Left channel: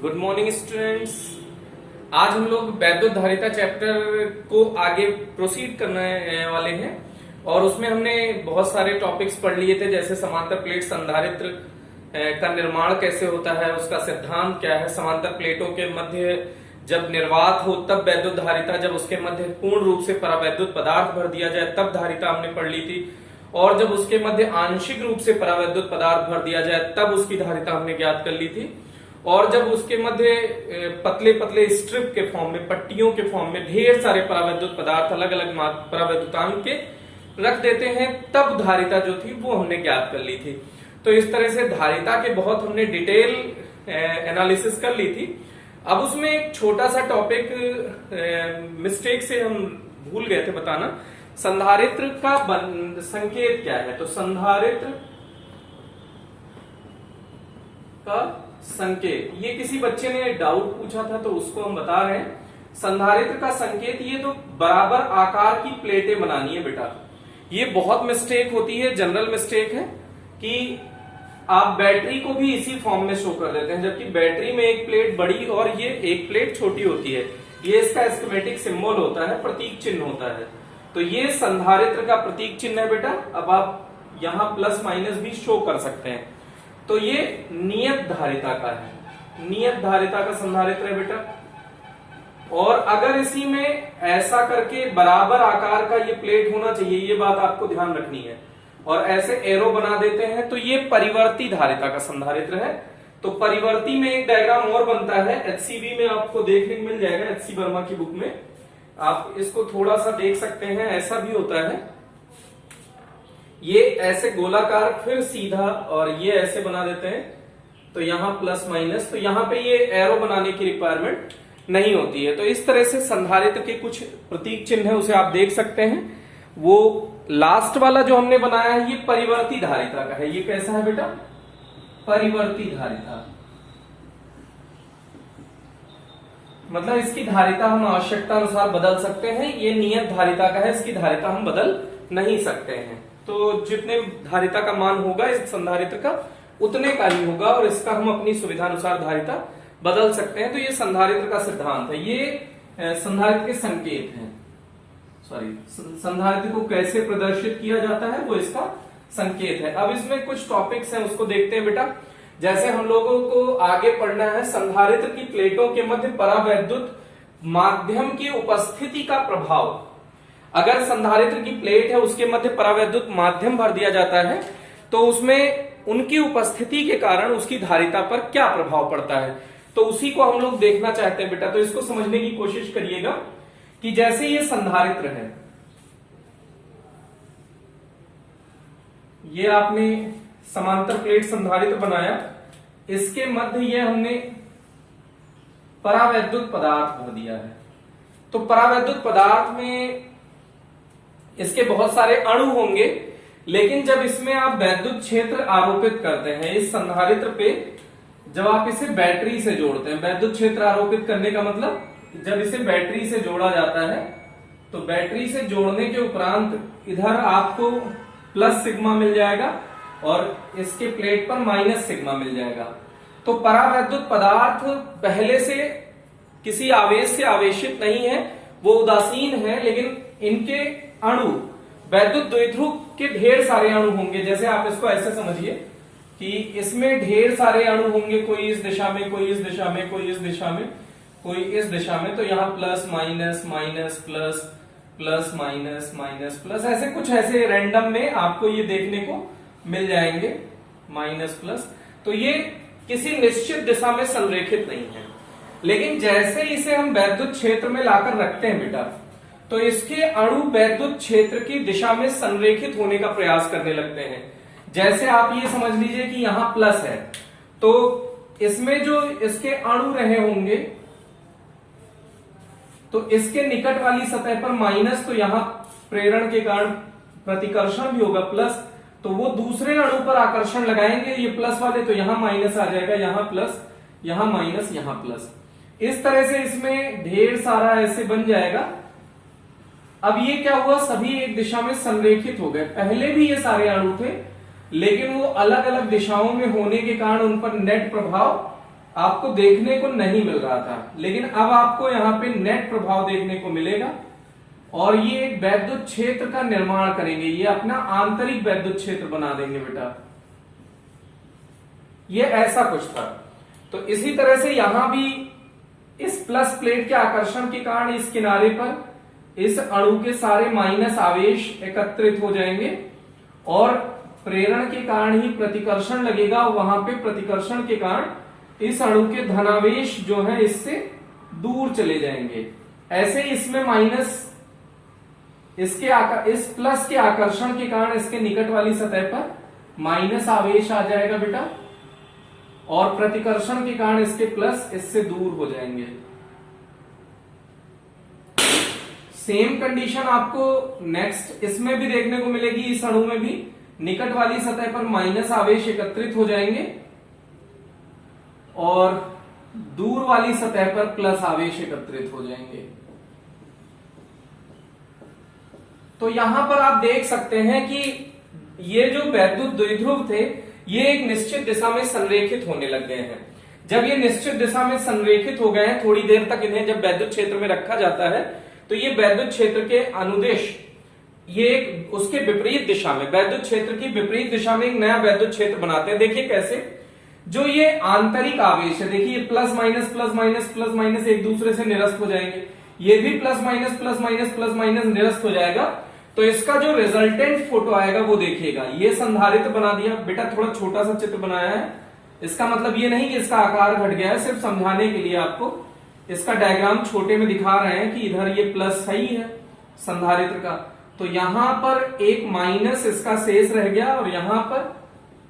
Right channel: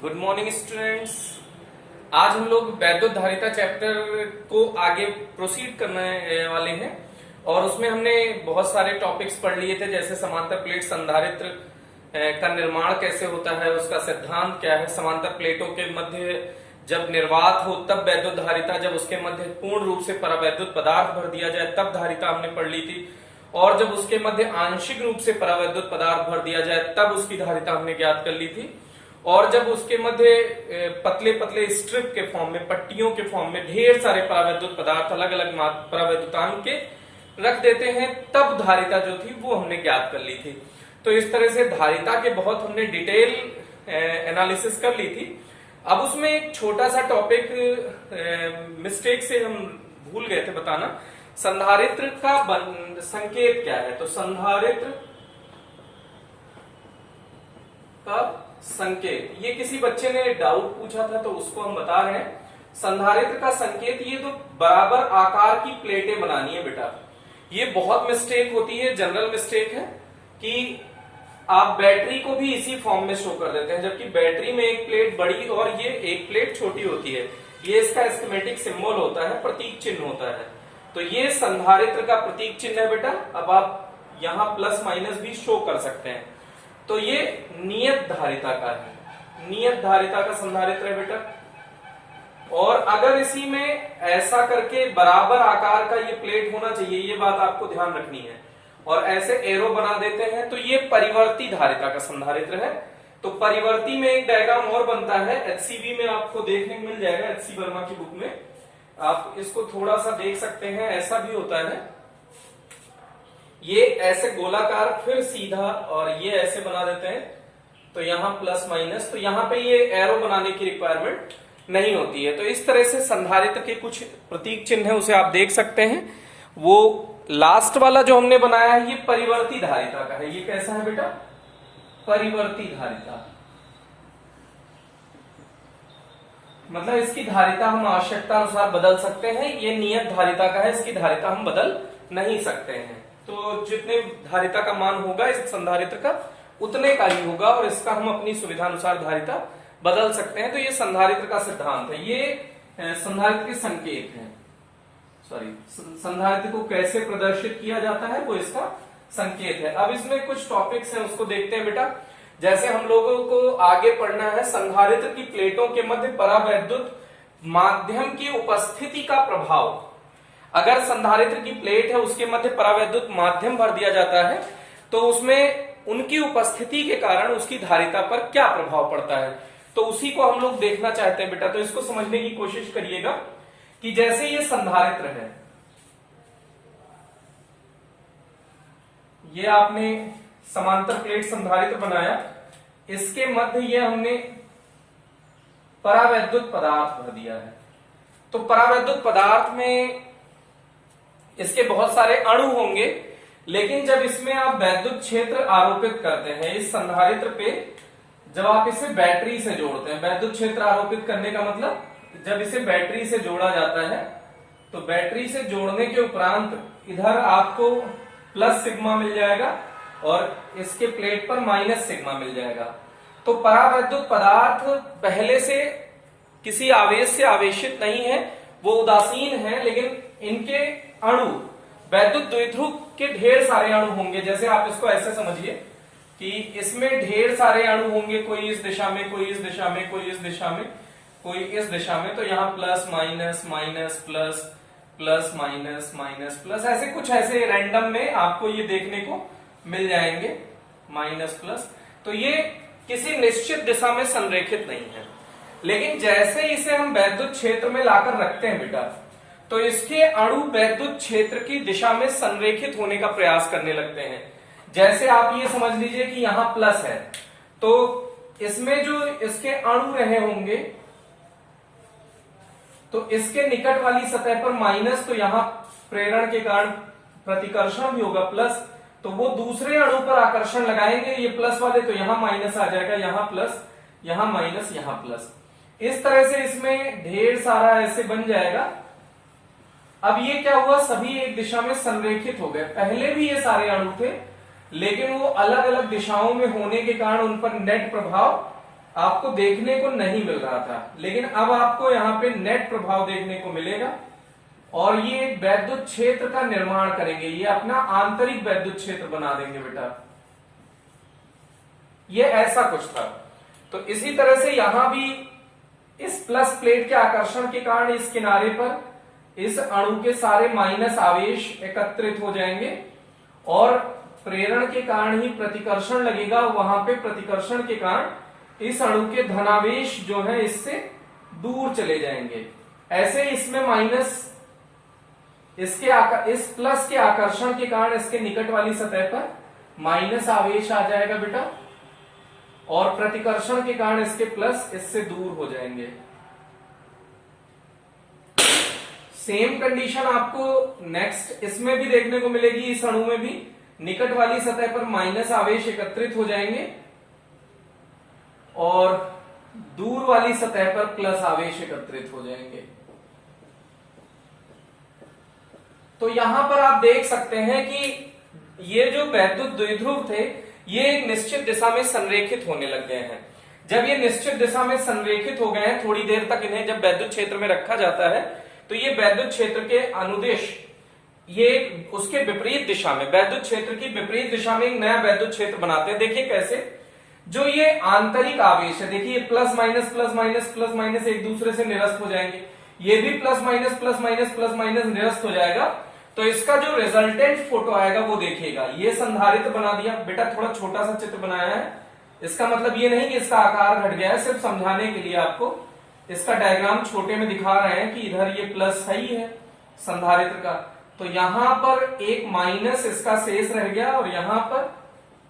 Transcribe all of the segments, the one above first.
Good morning students. आज हम लोग वैद्युतधारिता चैप्टर को आगे प्रोसीड करने वाले हैं और उसमें हमने बहुत सारे टॉपिक्स पढ़ लिए थे, जैसे समांतर प्लेट संधारित्र का निर्माण कैसे होता है, उसका सिद्धांत क्या है, समांतर प्लेटों के मध्य जब निर्वात हो तब वैद्युतधारिता, जब उसके मध्य पूर्ण रूप से परावैद्युत पदार्थ भर दिया जाए तब धारिता हमने पढ़ ली थी, और जब उसके मध्य आंशिक रूप से परावैद्युत पदार्थ भर दिया जाए तब उसकी धारिता हमने ज्ञात कर ली थी। और जब उसके मध्य पतले पतले स्ट्रिप के फॉर्म में, पट्टियों के फॉर्म में ढेर सारे परावैद्युत पदार्थ अलग अलग परावैद्युतांक के रख देते हैं तब धारिता जो थी वो हमने ज्ञात कर ली थी। तो इस तरह से धारिता के बहुत हमने डिटेल एनालिसिस कर ली थी। अब उसमें एक छोटा सा टॉपिक मिस्टेक से हम भूल गए थे बताना, संधारित्र का संकेत क्या है। तो संधारित्र का संकेत, ये किसी बच्चे ने डाउट पूछा था तो उसको हम बता रहे हैं। संधारित्र का संकेत, ये तो बराबर आकार की प्लेटें बनानी है बेटा। ये बहुत मिस्टेक होती है, जनरल मिस्टेक है कि आप बैटरी को भी इसी फॉर्म में शो कर देते हैं, जबकि बैटरी में एक प्लेट बड़ी और ये एक प्लेट छोटी होती है। ये इसका स्कीमेटिक सिंबल होता है, प्रतीक चिन्ह होता है। तो ये संधारित्र का प्रतीक चिन्ह है बेटा। अब आप यहां प्लस माइनस भी शो कर सकते हैं। तो ये नियत धारिता का है, नियत धारिता का संधारित्र है बेटा। और अगर इसी में ऐसा करके बराबर आकार का ये प्लेट होना चाहिए, ये बात आपको ध्यान रखनी है, और ऐसे एरो बना देते हैं तो ये परिवर्ती धारिता का संधारित्र है। तो परिवर्ती में एक डायग्राम और बनता है, एचसीबी में आपको देखने को मिल जाएगा, एचसी वर्मा की बुक में आप इसको थोड़ा सा देख सकते हैं। ऐसा भी होता है, ये ऐसे गोलाकार फिर सीधा, और ये ऐसे बना देते हैं तो यहां प्लस माइनस, तो यहां पे ये एरो बनाने की रिक्वायरमेंट नहीं होती है। तो इस तरह से संधारित्र के कुछ प्रतीक चिन्ह है, उसे आप देख सकते हैं। वो लास्ट वाला जो हमने बनाया है ये परिवर्ती धारिता का है। ये कैसा है बेटा? परिवर्ती धारिता, मतलब इसकी धारिता हम आवश्यकता अनुसार बदल सकते हैं। ये नियत धारिता का है, इसकी धारिता हम बदल नहीं सकते हैं। तो जितने धारिता का मान होगा इस संधारित्र का उतने का ही होगा, और इसका हम अपनी सुविधा अनुसार धारिता बदल सकते हैं। तो ये संधारित्र का सिद्धांत है। ये संधारित्र के संकेत हैं, सॉरी, संधारित्र को कैसे प्रदर्शित किया जाता है वो इसका संकेत है। अब इसमें कुछ टॉपिक्स हैं, उसको देखते हैं बेटा। जैसे हम लोगों को आगे पढ़ना है संधारित्र की प्लेटों के मध्य परावैद्युत माध्यम की उपस्थिति का प्रभाव। अगर संधारित्र की प्लेट है उसके मध्य परावैद्युत माध्यम भर दिया जाता है तो उसमें उनकी उपस्थिति के कारण उसकी धारिता पर क्या प्रभाव पड़ता है, तो उसी को हम लोग देखना चाहते हैं बेटा। तो इसको समझने की कोशिश करिएगा कि जैसे ये संधारित्र है, ये आपने समांतर प्लेट संधारित्र बनाया, इसके मध्य ये हमने परावैद्युत पदार्थ भर दिया है। तो परावैद्युत पदार्थ में इसके बहुत सारे अणु होंगे, लेकिन जब इसमें आप वैद्युत क्षेत्र आरोपित करते हैं इस संधारित्र पे, जब आप इसे बैटरी से जोड़ते हैं, वैद्युत क्षेत्र आरोपित करने का मतलब जब इसे बैटरी से जोड़ा जाता है तो बैटरी से जोड़ने के उपरांत इधर आपको प्लस सिग्मा मिल जाएगा और इसके प्लेट पर माइनस सिग्मा मिल जाएगा। तो परावैद्युत पदार्थ पहले से किसी आवेश से आवेशित नहीं है, वो उदासीन है, लेकिन इनके अणु वैद्युत द्विध्रुव के ढेर सारे अणु होंगे। जैसे आप इसको ऐसे समझिए कि इसमें ढेर सारे अणु होंगे, कोई इस दिशा में, कोई इस दिशा में, कोई इस दिशा में, कोई इस दिशा में। तो यहाँ plus minus minus plus, plus minus minus plus, ऐसे कुछ ऐसे रैंडम में आपको ये देखने को मिल जाएंगे, माइनस प्लस। तो ये किसी निश्चित दिशा में संरेखित नहीं है, लेकिन जैसे इसे हम वैद्युत क्षेत्र में लाकर रखते हैं बेटा, तो इसके अणु वैद्युत क्षेत्र की दिशा में संरेखित होने का प्रयास करने लगते हैं। जैसे आप ये समझ लीजिए कि यहां प्लस है, तो इसमें जो इसके अणु रहे होंगे तो इसके निकट वाली सतह पर माइनस, तो यहां प्रेरण के कारण प्रतिकर्षण भी होगा प्लस, तो वो दूसरे अणु पर आकर्षण लगाएंगे ये प्लस वाले, तो यहां माइनस आ जाएगा, यहां प्लस, यहां माइनस, यहां प्लस। इस तरह से इसमें ढेर सारा ऐसे बन जाएगा। अब ये क्या हुआ, सभी एक दिशा में संरेखित हो गए। पहले भी ये सारे अणु थे, लेकिन वो अलग अलग दिशाओं में होने के कारण उन पर नेट प्रभाव आपको देखने को नहीं मिल रहा था, लेकिन अब आपको यहां पे नेट प्रभाव देखने को मिलेगा और ये एक वैद्युत क्षेत्र का निर्माण करेंगे। ये अपना आंतरिक वैद्युत क्षेत्र बना देंगे बेटा। ये ऐसा कुछ था। तो इसी तरह से यहां भी इस प्लस प्लेट के आकर्षण के कारण इस किनारे पर इस अणु के सारे माइनस आवेश एकत्रित हो जाएंगे और प्रेरण के कारण ही प्रतिकर्षण लगेगा। वहां पे प्रतिकर्षण के कारण इस अणु के धनावेश जो है इससे दूर चले जाएंगे। ऐसे ही इसमें माइनस इस प्लस के आकर्षण के कारण इसके निकट वाली सतह पर माइनस आवेश आ जाएगा बेटा और प्रतिकर्षण के कारण इसके प्लस इससे दूर हो जाएंगे। सेम कंडीशन आपको नेक्स्ट इसमें भी देखने को मिलेगी। इस अणु में भी निकट वाली सतह पर माइनस आवेश एकत्रित हो जाएंगे और दूर वाली सतह पर प्लस आवेश एकत्रित हो जाएंगे। तो यहां पर आप देख सकते हैं कि ये जो वैद्युत द्विध्रुव थे ये एक निश्चित दिशा में संरेखित होने लग गए हैं। जब ये निश्चित दिशा में संरेखित हो गए हैं, थोड़ी देर तक इन्हें जब वैद्युत क्षेत्र में रखा जाता है तो ये वैद्युत क्षेत्र के अनुदेश ये उसके विपरीत दिशा में, वैद्युत क्षेत्र की विपरीत दिशा में एक नया वैद्युत क्षेत्र बनाते हैं। देखिए कैसे, जो ये आंतरिक आवेश है, देखिए plus minus plus minus plus minus एक दूसरे से निरस्त हो जाएंगे। ये भी plus minus plus minus plus minus निरस्त हो जाएगा। तो इसका जो रिजल्टेंट फोटो आएगा वो देखिएगा। ये संधारित्र बना दिया बेटा, थोड़ा छोटा सा चित्र बनाया है। इसका मतलब ये नहीं कि इसका आकार घट गया है, सिर्फ समझाने के लिए आपको इसका डायग्राम छोटे में दिखा रहे हैं कि इधर ये प्लस सही है संधारित्र का, तो यहां पर एक माइनस इसका शेष रह गया और यहां पर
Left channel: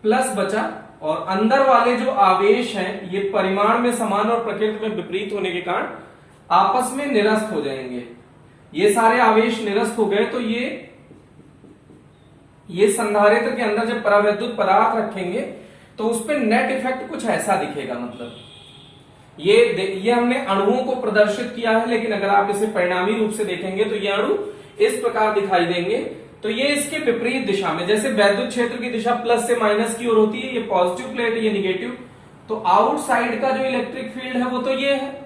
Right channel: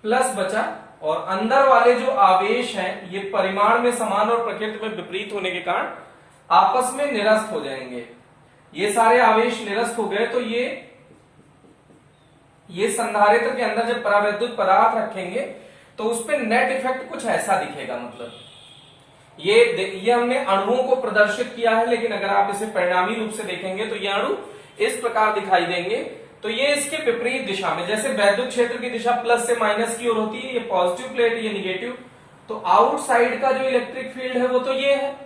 प्लस बचा और अंदर वाले जो आवेश हैं ये परिमाण में समान और प्रकृति में विपरीत होने के कारण आपस में निरस्त हो जाएंगे। ये सारे आवेश निरस्त हो गए तो ये संधारित्र के अंदर जब परावैद्युत पदार्थ रखेंगे तो उस पर नेट इफेक्ट कुछ ऐसा दिखेगा। मतलब ये हमने अणुओं को प्रदर्शित किया है, लेकिन अगर आप इसे परिणामी रूप से देखेंगे तो ये अणु इस प्रकार दिखाई देंगे। तो ये इसके विपरीत दिशा में, जैसे वैद्युत क्षेत्र की दिशा प्लस से माइनस की ओर होती है, ये पॉजिटिव प्लेट है, ये निगेटिव, तो आउटसाइड का जो इलेक्ट्रिक फील्ड है वो तो ये है।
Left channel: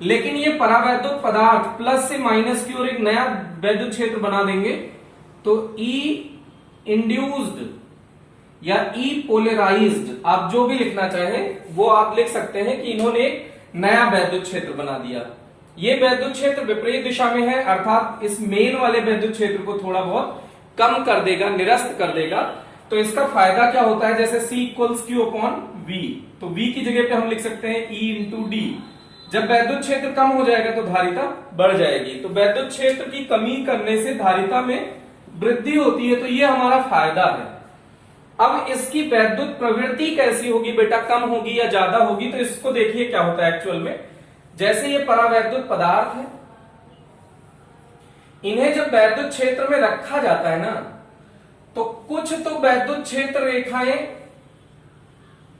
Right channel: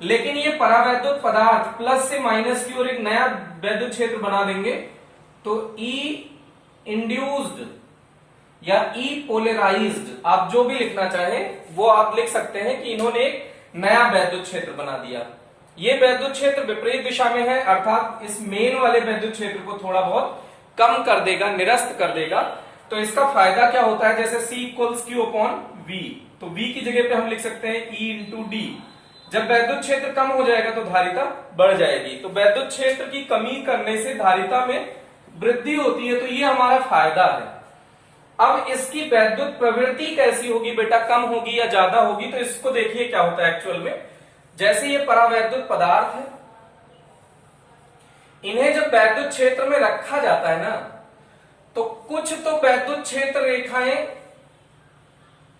लेकिन ये परावैद्युत पदार्थ प्लस से माइनस की ओर एक नया वैद्युत क्षेत्र बना देंगे, तो ई इंड्यूस्ड या ई पोलराइज्ड, आप जो भी लिखना चाहें वो आप लिख सकते हैं कि इन्होंने एक नया वैद्युत क्षेत्र बना दिया। ये वैद्युत क्षेत्र विपरीत दिशा में है, अर्थात इस मेन वाले वैद्युत क्षेत्र को थोड़ा बहुत कम कर देगा, निरस्त कर देगा। तो इसका फायदा क्या होता है, जैसे C equals Q upon V, तो V की जगह पे हम लिख सकते हैं E इंटू D। जब वैद्युत क्षेत्र कम हो जाएगा तो धारिता बढ़ जाएगी। तो वैद्युत क्षेत्र की कमी करने से धारिता में वृद्धि होती है, तो ये हमारा फायदा है। अब इसकी वैद्युत प्रवृत्ति कैसी होगी बेटा, कम होगी या ज्यादा होगी, तो इसको देखिए क्या होता है एक्चुअल में। जैसे ये परावैद्युत पदार्थ है, इन्हें जब वैद्युत क्षेत्र में रखा जाता है ना, तो कुछ तो वैद्युत क्षेत्र रेखाएं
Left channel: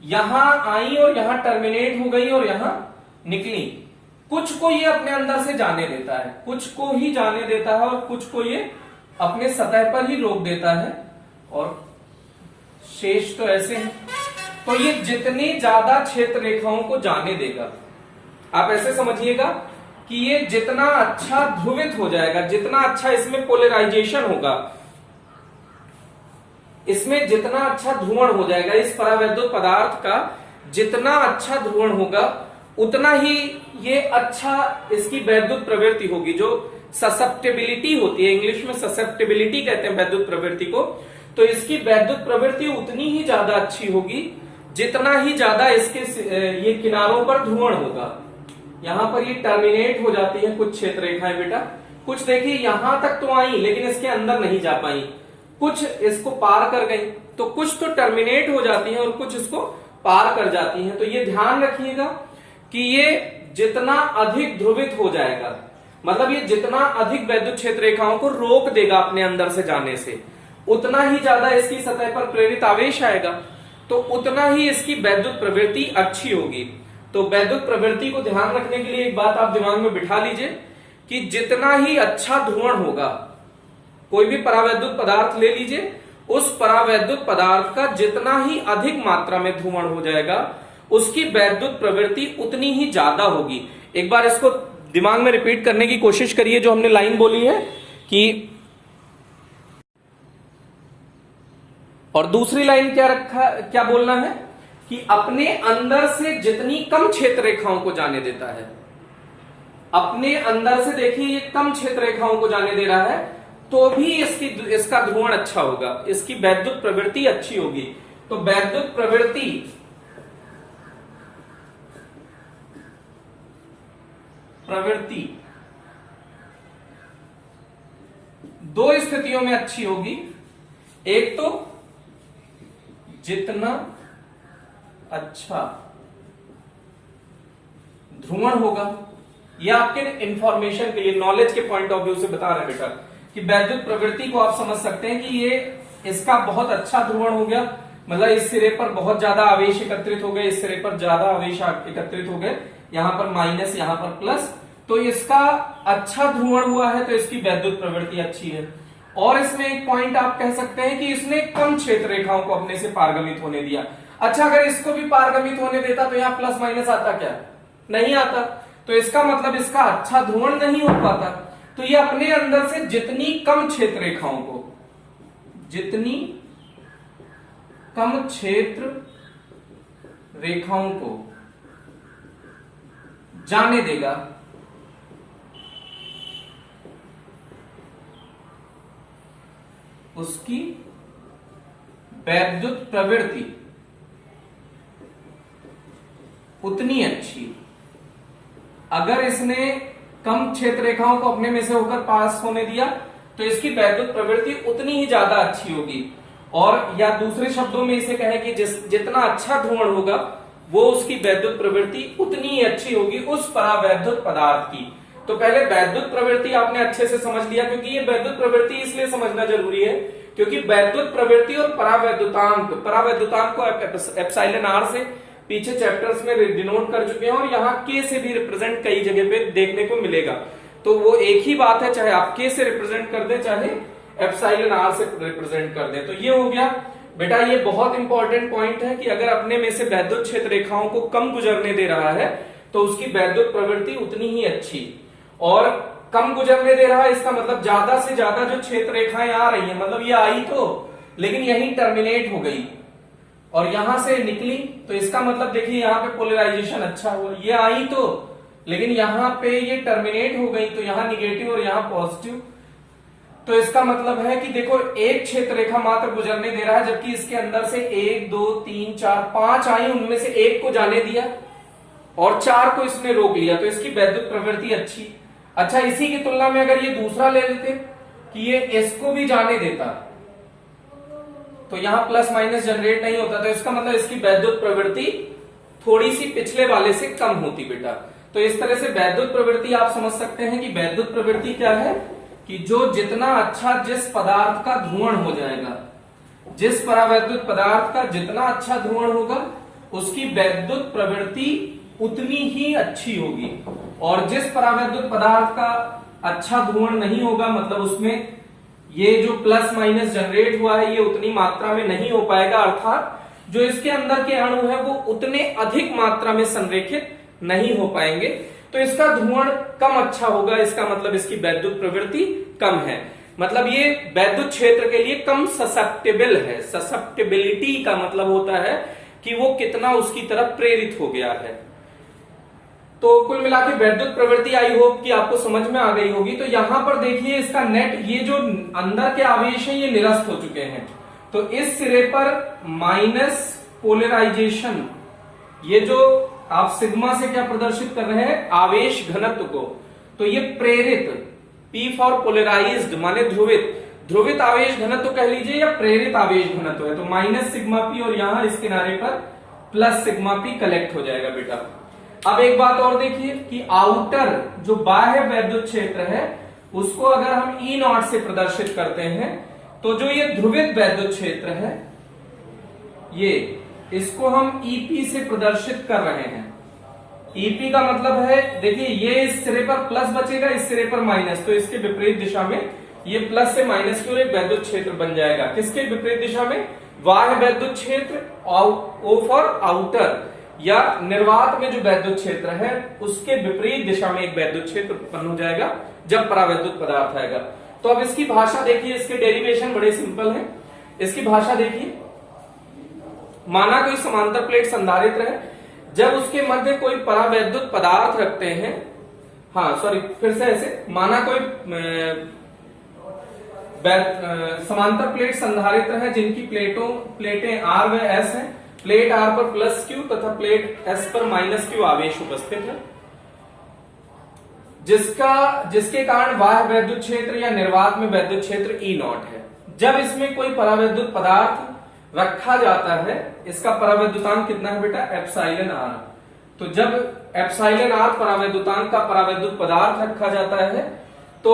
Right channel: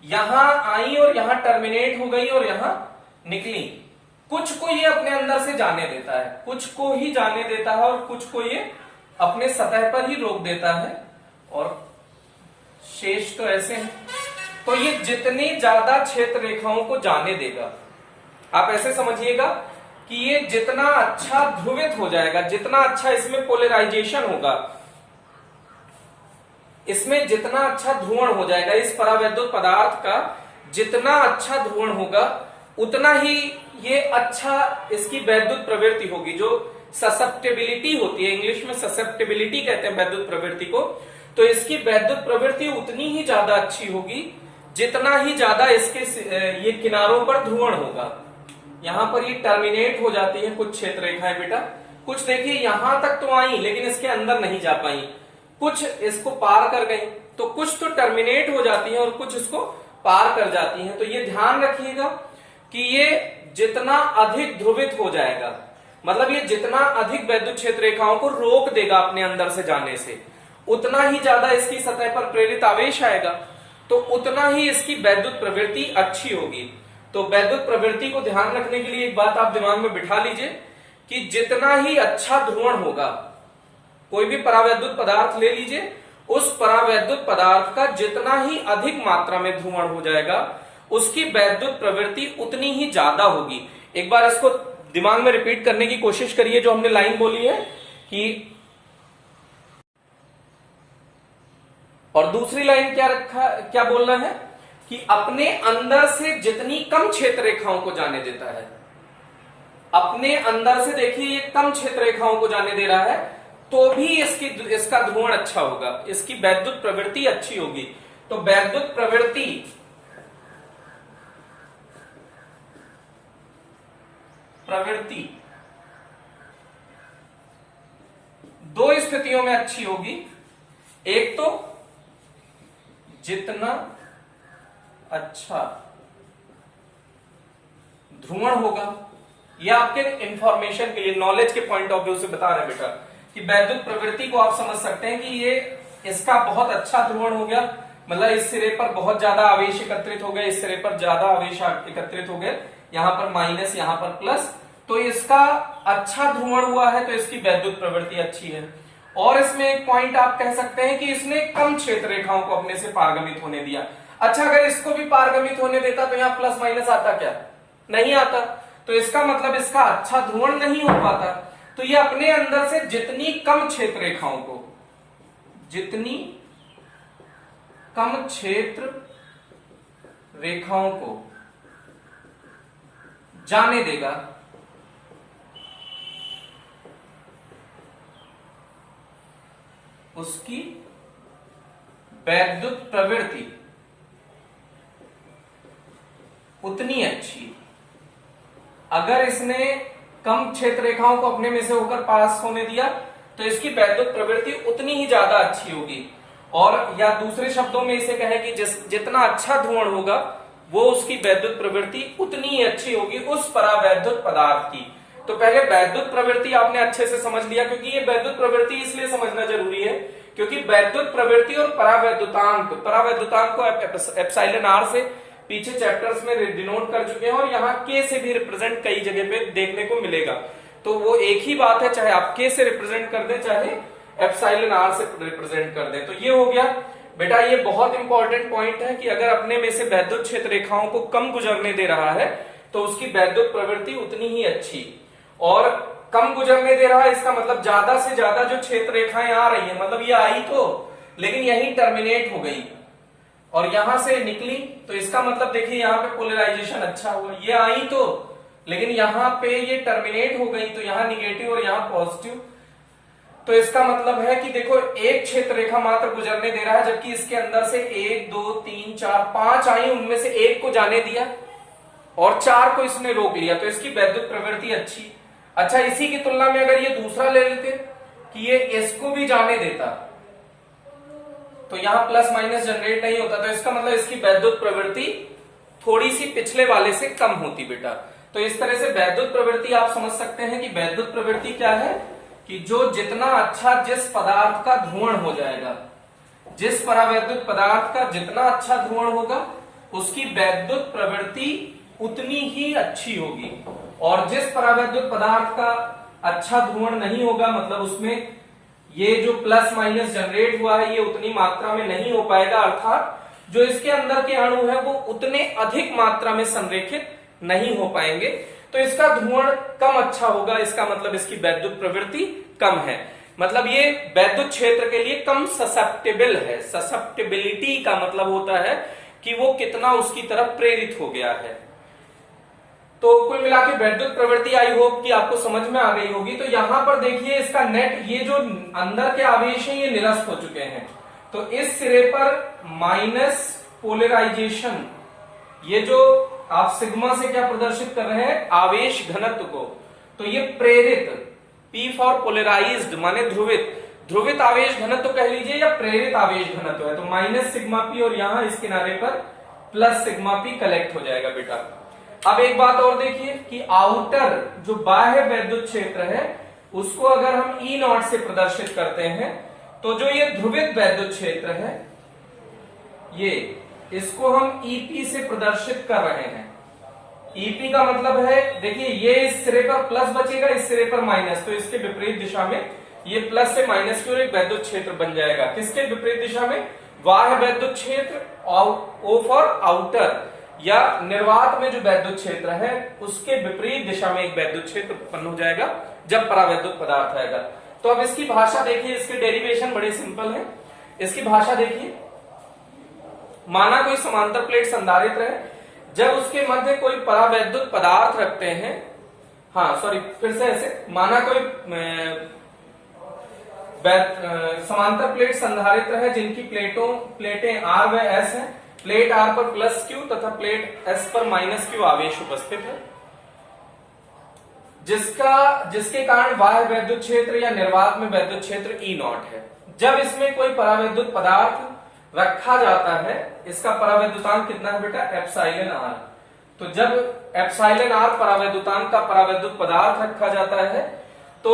यहां आई और यहां टर्मिनेट हो गई और यहां निकली। कुछ को ये अपने अंदर से जाने देता है, कुछ को ही जाने देता है और कुछ को ये अपने सतह पर ही रोक देता है और शेष तो ऐसे हैं। तो ये जितनी ज्यादा क्षेत्र रेखाओं को जाने देगा, आप ऐसे समझिएगा कि ये जितना अच्छा ध्रुवित हो जाएगा, जितना अच्छा इसमें पोलराइजेशन होगा, इसमें जितना अच्छा ध्रुवण हो जाएगा, इस परावैद्युत पदार्थ का जितना अच्छा ध्रुवण होगा उतना ही ये अच्छा इसकी वैद्युत प्रवृत्ति होगी। जो ससेप्टेबिलिटी होती है, इंग्लिश में ससेप्टेबिलिटी कहते हैं वैद्युत प्रवृत्ति को, तो इसकी वैद्युत प्रवृत्ति उतनी ही ज्यादा अच्छी होगी जितना ही ज्यादा इसके ये किनारों पर ध्रुवण होगा। यहां पर ये टर्मिनेट हो जाती है कुछ क्षेत्र रेखाएं बेटा, कुछ देखिए यहां तक तो आई लेकिन इसके अंदर नहीं जा पाई, कुछ इसको पार कर गई, तो कुछ तो टर्मिनेट हो जाती हैं और कुछ इसको पार कर जाती हैं। तो ये ध्यान रखिएगा कि ये जितना अधिक ध्रुवित हो जाएगा, मतलब ये जितना अधिक वैद्युत क्षेत्र रेखाओं को रोक देगा अपने अंदर से जाने से, उतना ही ज्यादा इसकी सतह पर प्रेरित आवेश आएगा, तो उतना ही इसकी वैद्युत प्रवृत्ति अच्छी होगी। तो वैद्युत प्रवृत्ति को ध्यान रखने के लिए एक बात आप दिमाग में बिठा लीजिए कि जितना ही अच्छा ध्रुवण होगा, कोई भी परावैद्युत पदार्थ ले लीजिए, उस परावैद्युत पदार्थ का जितना ही अधिक मात्रा में ध्रुवण हो जाएगा उसकी वैद्युत प्रवृत्ति उतनी ही ज्यादा होगी। एक बार इसको दिमाग में रिपीट करने की कोशिश करिए जो हमने लाइन बोली है कि, और दूसरी लाइन क्या बोलना है कि अपने अंदर से जितनी कम क्षेत्र रेखाओं को जाने देता है, अपने अंदर से देखिए ये कम क्षेत्र रेखाओं को जाने दे रहा है, तो भी इसका ध्रुवण अच्छा होगा, इसकी वैद्युत प्रवृत्ति अच्छी होगी। तो वैद्युत प्रवृत्ति दो स्थितियों में अच्छी होगी। एक तो जितना अच्छा ध्रुवण होगा, यह आपके इंफॉर्मेशन के लिए, नॉलेज के पॉइंट ऑफ व्यू से बता रहे हैं बेटा कि वैद्युत प्रवृत्ति को आप समझ सकते हैं कि ये इसका बहुत अच्छा ध्रुवण हो गया, मतलब इस सिरे पर बहुत ज्यादा आवेश एकत्रित हो गए, इस सिरे पर ज्यादा आवेश एकत्रित हो गए, यहां पर माइनस यहां पर प्लस, तो इसका अच्छा ध्रुवण हुआ है, तो इसकी वैद्युत प्रवृत्ति अच्छी है। और इसमें एक पॉइंट आप कह सकते हैं कि इसने कम क्षेत्र रेखाओं को अपने से पारगमित होने दिया। अच्छा, अगर इसको भी पारगमित होने देता तो यहाँ प्लस माइनस आता क्या? नहीं आता। तो इसका मतलब इसका अच्छा ध्रुवण नहीं हो पाता। तो ये अपने अंदर से जितनी कम क्षेत्र रेखाओं को, जितनी कम क्षेत्र रेखाओं को जाने देगा, उसकी वैद्युत प्रवृत्ति उतनी अच्छी। अगर इसने कम क्षेत्र रेखाओं को अपने में से होकर पास होने दिया तो इसकी वैद्युत प्रवृत्ति उतनी ही ज्यादा अच्छी होगी। और या दूसरे शब्दों में इसे कहें कि जितना अच्छा ध्रुवण होगा वो उसकी वैद्युत प्रवृत्ति उतनी ही अच्छी होगी उस परावैद्युत पदार्थ की। तो पहले वैद्युत प्रवृत्ति आपने अच्छे से समझ लिया, क्योंकि ये वैद्युत प्रवृत्ति इसलिए समझना जरूरी है क्योंकि वैद्युत प्रवृत्ति और परावैद्युतांक को एप्सिलॉन आर से पीछे चैप्टर्स में डिनोट कर चुके हैं और यहाँ के से भी रिप्रेजेंट कई जगह पे देखने को मिलेगा। तो वो एक ही बात है, चाहे आप के से रिप्रेजेंट कर दें चाहे एप्सिलॉन आर से रिप्रेजेंट कर दें। तो ये हो गया बेटा, ये बहुत इंपॉर्टेंट पॉइंट है कि अगर अपने में से वैद्युत क्षेत्र रेखाओं को कम गुजरने दे रहा है तो उसकी वैद्युत प्रवृत्ति उतनी ही अच्छी। और कम गुजरने दे रहा है इसका मतलब ज्यादा से ज्यादा जो क्षेत्र रेखाएं आ रही है, मतलब ये आई तो लेकिन यही टर्मिनेट हो गई और यहां से निकली, तो इसका मतलब देखिए यहाँ पे पोलराइजेशन अच्छा हुआ। ये आई तो लेकिन यहाँ पे ये टर्मिनेट हो गई, तो यहाँ निगेटिव और यहाँ पॉजिटिव। तो इसका मतलब है कि देखो एक क्षेत्र रेखा मात्र गुजरने दे रहा है, जबकि इसके अंदर से 1 2 3 4 5 आई, उनमें से एक को जाने दिया और 4 को इसने रोक लिया, तो इसकी वैद्युत प्रवृत्ति अच्छी। अच्छा, इसी की तुलना में अगर ये दूसरा ले लेते कि ये इसको भी जाने देता तो यहां प्लस माइनस जनरेट नहीं होता, तो इसका मतलब इसकी वैद्युत प्रवृत्ति थोड़ी सी पिछले वाले से कम होती बेटा। तो इस तरह से वैद्युत प्रवृत्ति आप समझ सकते हैं कि वैद्युत प्रवृत्ति क्या है कि जो जितना अच्छा जिस पदार्थ का ध्रुवण हो जाएगा, जिस परावैद्युत पदार्थ का जितना अच्छा ध्रुवण होगा उसकी वैद्युत प्रवृत्ति उतनी ही अच्छी होगी। और जिस परावैद्युत पदार्थ का अच्छा ध्रुवण नहीं होगा, मतलब उसमें ये जो प्लस माइनस जनरेट हुआ है ये उतनी मात्रा में नहीं हो पाएगा, अर्थात जो इसके अंदर के अणु है वो उतने अधिक मात्रा में संरेखित नहीं हो पाएंगे, तो इसका ध्रुवण कम अच्छा होगा। इसका मतलब इसकी वैद्युत प्रवृत्ति कम है, मतलब ये वैद्युत क्षेत्र के लिए कम ससेप्टेबल है। ससेप्टेबिलिटी का मतलब होता है कि वो कितना उसकी तरफ प्रेरित हो गया है। तो कुल मिला के वैद्युत प्रवृत्ति आई होप कि आपको समझ में आ गई होगी। तो यहां पर देखिए इसका नेट, ये जो अंदर के आवेश हैं ये निरस्त हो चुके हैं, तो इस सिरे पर माइनस पोलराइजेशन, ये जो आप सिग्मा से क्या प्रदर्शित कर रहे हैं आवेश घनत्व को, तो ये प्रेरित, P फॉर पोलराइज्ड माने ध्रुवित आवेश घनत्व कह लीजिए या प्रेरित आवेश घनत्व है, तो माइनस सिग्मा पी और यहां इस किनारे पर प्लस सिग्मा पी कलेक्ट हो जाएगा बेटा। अब एक बात और देखिए कि आउटर जो बाह्य वैद्युत क्षेत्र है उसको अगर हम E नॉट से प्रदर्शित करते हैं तो जो ये ध्रुवित वैद्युत क्षेत्र है ये, इसको हम EP से प्रदर्शित कर रहे हैं। EP का मतलब है देखिए ये इस सिरे पर प्लस बचेगा, इस सिरे पर माइनस, तो इसके विपरीत दिशा में ये प्लस से माइनस की ओर एक वैद्युत क्षेत्र बन जाएगा। किसके विपरीत दिशा में? बाह्य वैद्युत क्षेत्र, O फॉर आउटर। या निर्वात में जो वैद्युत क्षेत्र है उसके विपरीत दिशा में एक वैद्युत क्षेत्र उत्पन्न हो जाएगा जब परावैद्युत पदार्थ आएगा। तो अब इसकी भाषा देखिए, इसके डेरिवेशन बड़े सिंपल है। इसकी भाषा देखिए, माना कोई समांतर प्लेट संधारित्र है, जब उसके मध्य कोई परावैद्युत पदार्थ रखते हैं, हाँ सॉरी फिर से ऐसे, माना कोई समांतर प्लेट संधारित्र है जिनकी प्लेटें R व S हैं। प्लेट R पर प्लस Q तथा प्लेट S पर माइनस Q आवेश उपस्थित है, जिसके कारण बाह्य वैद्युत क्षेत्र या निर्वात में वैद्युत क्षेत्र E0 है। जब इसमें कोई परावैद्युत पदार्थ रखा जाता है, इसका परावैद्युतांक कितना है बेटा, एप्सिलॉन R। तो जब एप्सिलॉन R परावैद्युतांक का परावैद्युत पदार्थ रखा जाता है तो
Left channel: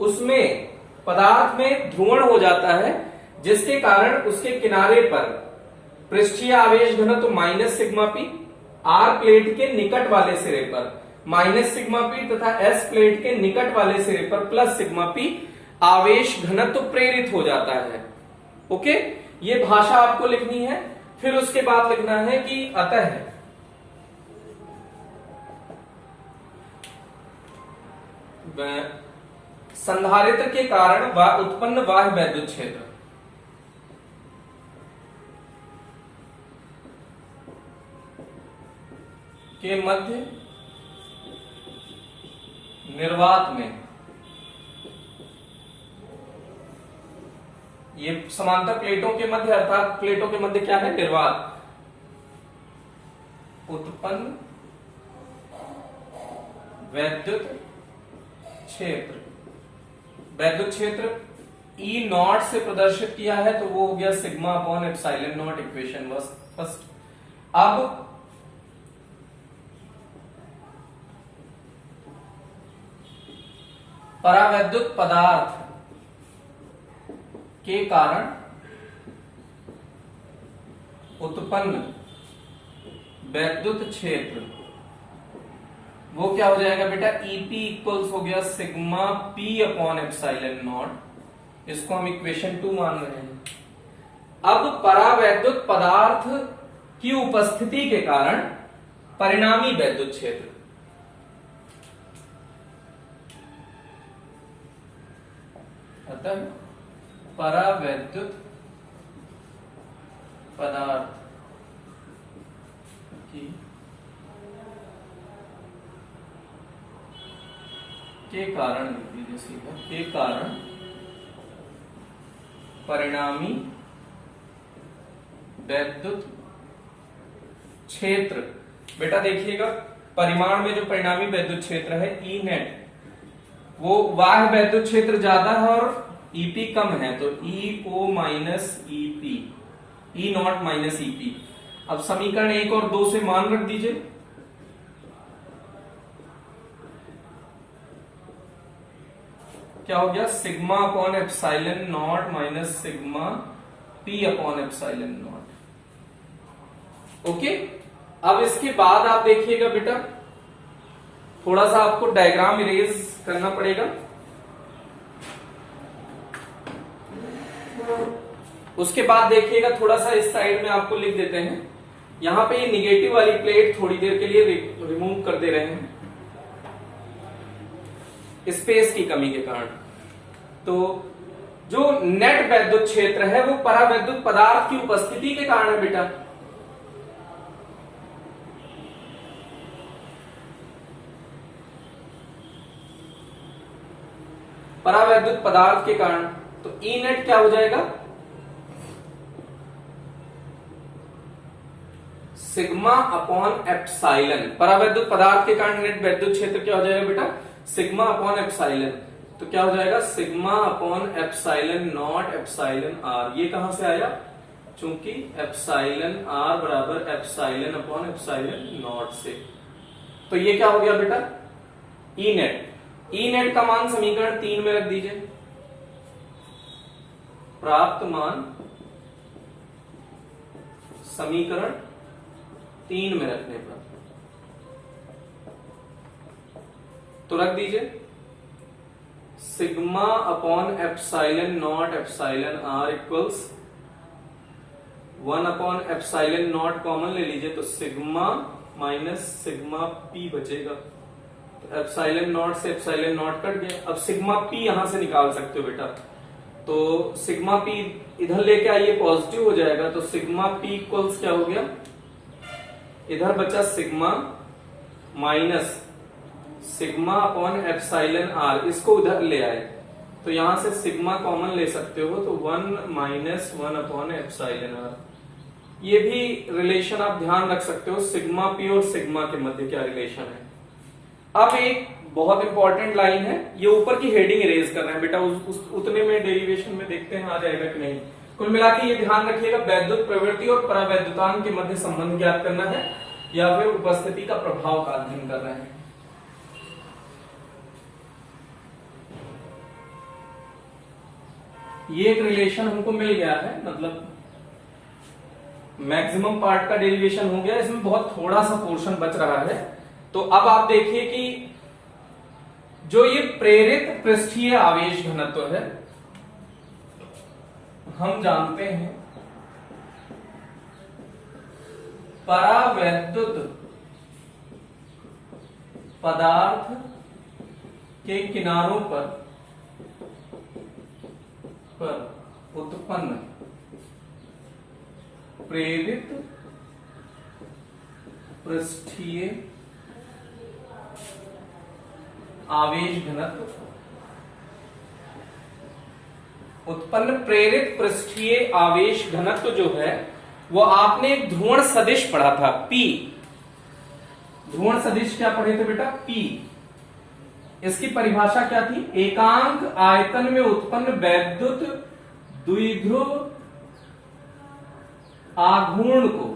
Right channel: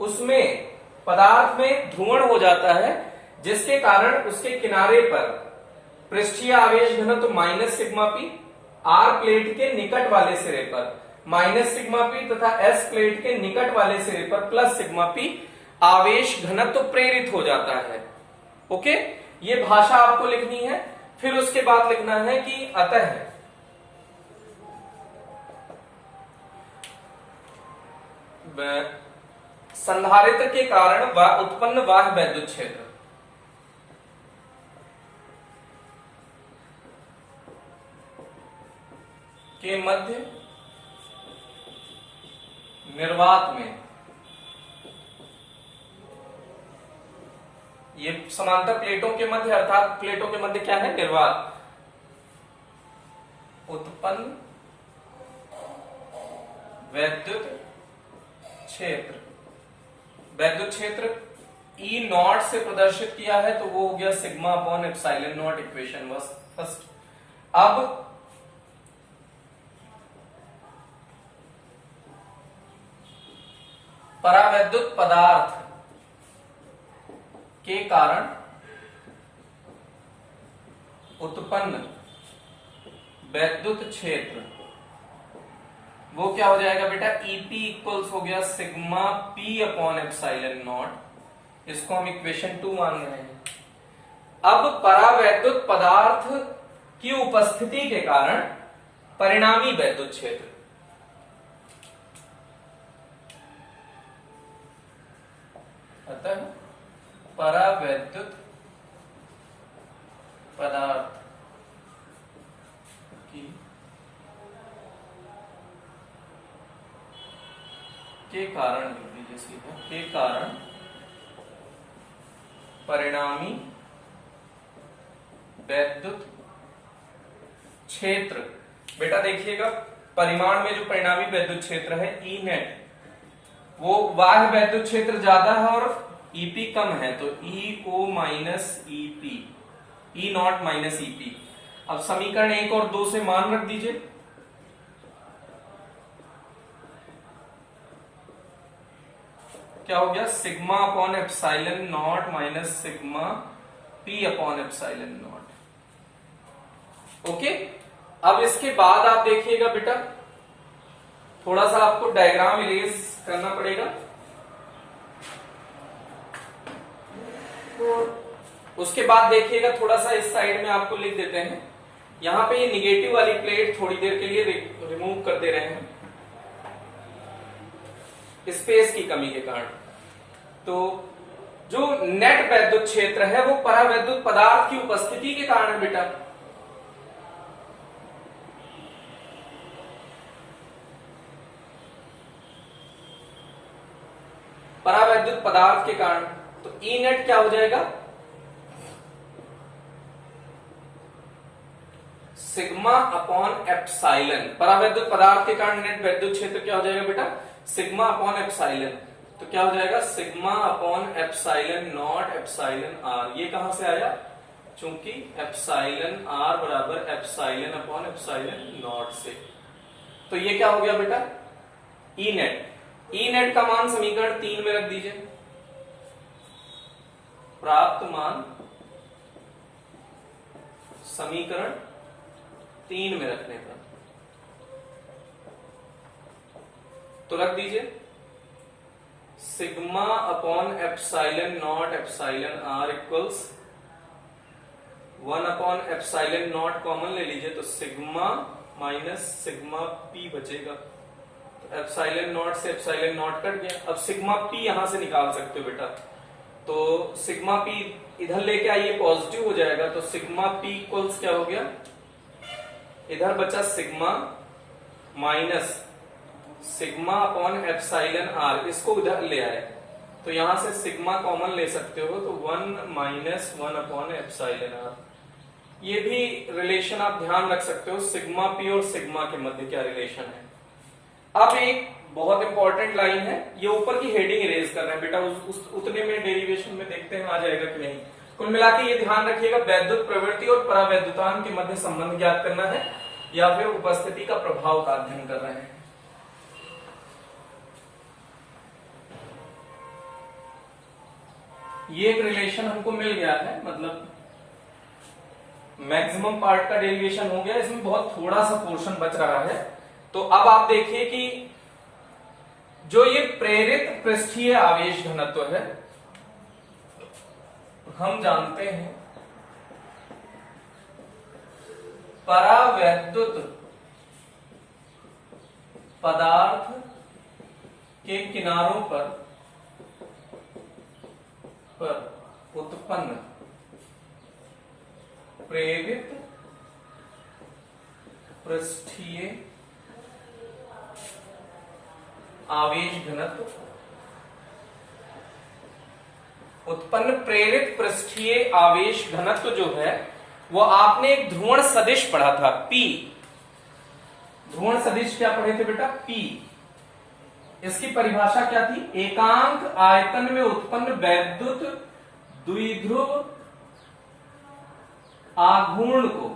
उसमें पदार्थ में ध्रुवण हो जाता है, जिसके कारण उसके किनारे पर पृष्ठीय आवेश घनत्व minus sigma P, R plate के निकट वाले सिरे पर माइनस सिग्मा पी तथा S प्लेट के निकट वाले सिरे पर प्लस सिग्मा पी आवेश घनत्व प्रेरित हो जाता है। ओके, ये भाषा आपको लिखनी है। फिर उसके बाद लिखना है कि अतः संधारित्र के कारण उत्पन्न बाह्य वैद्युत क्षेत्र के मध्य निर्वात में, ये समांतर प्लेटों के मध्य अर्थात प्लेटों के मध्य क्या है, निर्वात, उत्पन्न वैद्युत क्षेत्र, वैद्युत क्षेत्र E0 से प्रदर्शित किया है तो वो हो गया sigma upon epsilon not, equation first. अब परावैद्युत पदार्थ के कारण उत्पन्न वैद्युत क्षेत्र वो क्या हो जाएगा बेटा, EP इक्वल्स हो गया sigma P upon epsilon not. इसको हम इक्वेशन 2 मान रहे हैं। अब परावैद्युत पदार्थ की उपस्थिति के कारण परिणामी वैद्युत क्षेत्र, अतः परावैद्युत पदार्थ की के कारण के कारण परिणामी वैद्युत क्षेत्र, बेटा देखिएगा परिमाण में जो परिणामी वैद्युत क्षेत्र है E नेट, वो बाह्य वैद्युत क्षेत्र ज्यादा है और EP कम है, तो EO minus EP, E0 minus EP। अब समीकरण 1 और 2 से मान रख दीजिए। क्या हो गया, sigma upon epsilon not minus sigma P upon epsilon not. Okay, अब इसके बाद आप देखिएगा बेटा, थोड़ा सा आपको डायग्राम इरेज करना पड़ेगा। उसके बाद देखिएगा थोड़ा सा इस साइड में आपको लिख देते हैं, यहां पे ये निगेटिव वाली प्लेट थोड़ी देर के लिए रिमूव कर दे रहे हैं स्पेस की कमी के कारण। तो जो नेट वैद्युत क्षेत्र है वो परावैद्युत पदार्थ की उपस्थिति के कारण है बेटा। परावैद्युत पदार्थ के कारण, तो ई नेट क्या हो जाएगा, सिग्मा अपॉन एप्सिलॉन। परावैद्युत पदार्थ के कारण नेट वैद्युत क्षेत्र क्या हो जाएगा बेटा, सिग्मा अपॉन एप्सिलॉन। तो क्या हो जाएगा, sigma upon epsilon not epsilon r. ये कहां से आया, चूंकि एप्सिलॉन आर बराबर एप्सिलॉन अपॉन एप्सिलॉन नॉट से। तो ये क्या हो गया बेटा, ई नेट। ई नेट का मान समीकरण 3 में रख दीजिए। प्राप्त मान समीकरण 3 में रखने पर तो रख दीजिए sigma upon epsilon not epsilon r equals 1/ε0 common ले लीजिए तो सिग्मा माइनस सिग्मा पी बचेगा। तो ε0 से ε0 कट गया। अब सिग्मा पी यहां से निकाल सकते हो बेटा, तो सिग्मा पी इधर लेके आइए, पॉजिटिव हो जाएगा। तो सिग्मा पी इक्वल्स क्या हो गया, इधर बचा sigma minus sigma upon epsilon are, इसको उधर ले आए तो यहां से सिग्मा कॉमन ले सकते हो, तो 1 माइनस 1 अपॉन एप्साइलन आर। ये भी रिलेशन आप ध्यान रख सकते हो, सिग्मा पी और सिग्मा के मध्य क्या रिलेशन है। अब एक बहुत इंपॉर्टेंट लाइन है, ये ऊपर की हेडिंग इरेज करना है बेटा, उतने में डेरिवेशन में देखते हैं आ जाएगा कि नहीं। कुल मिला के ये ध्यान रखिएगा, वैद्युत प्रवृत्ति और परावैद्युतांक के मध्य संबंध ज्ञात करना है या फिर उपस्थिति का प्रभाव का अध्ययन करना है। ये एक रिलेशन हमको मिल गया है, मतलब मैक्सिमम पार्ट का डेरिवेशन हो गया, इसमें बहुत थोड़ा सा पोर्शन बच रहा है। तो अब आप देखिए कि जो ये प्रेरित पृष्ठीय आवेश घनत्व है, हम जानते हैं परावैद्युत पदार्थ के किनारों पर उत्पन्न प्रेरित पृष्ठीय आवेश घनत्व, उत्पन्न प्रेरित पृष्ठीय आवेश घनत्व जो है वो आपने एक ध्रुवण सदिश पढ़ा था, P। ध्रुवण सदिश क्या पढ़े थे बेटा, P। इसकी परिभाषा क्या थी, एकांक आयतन में उत्पन्न वैद्युत द्विध्रुव आघूर्ण को,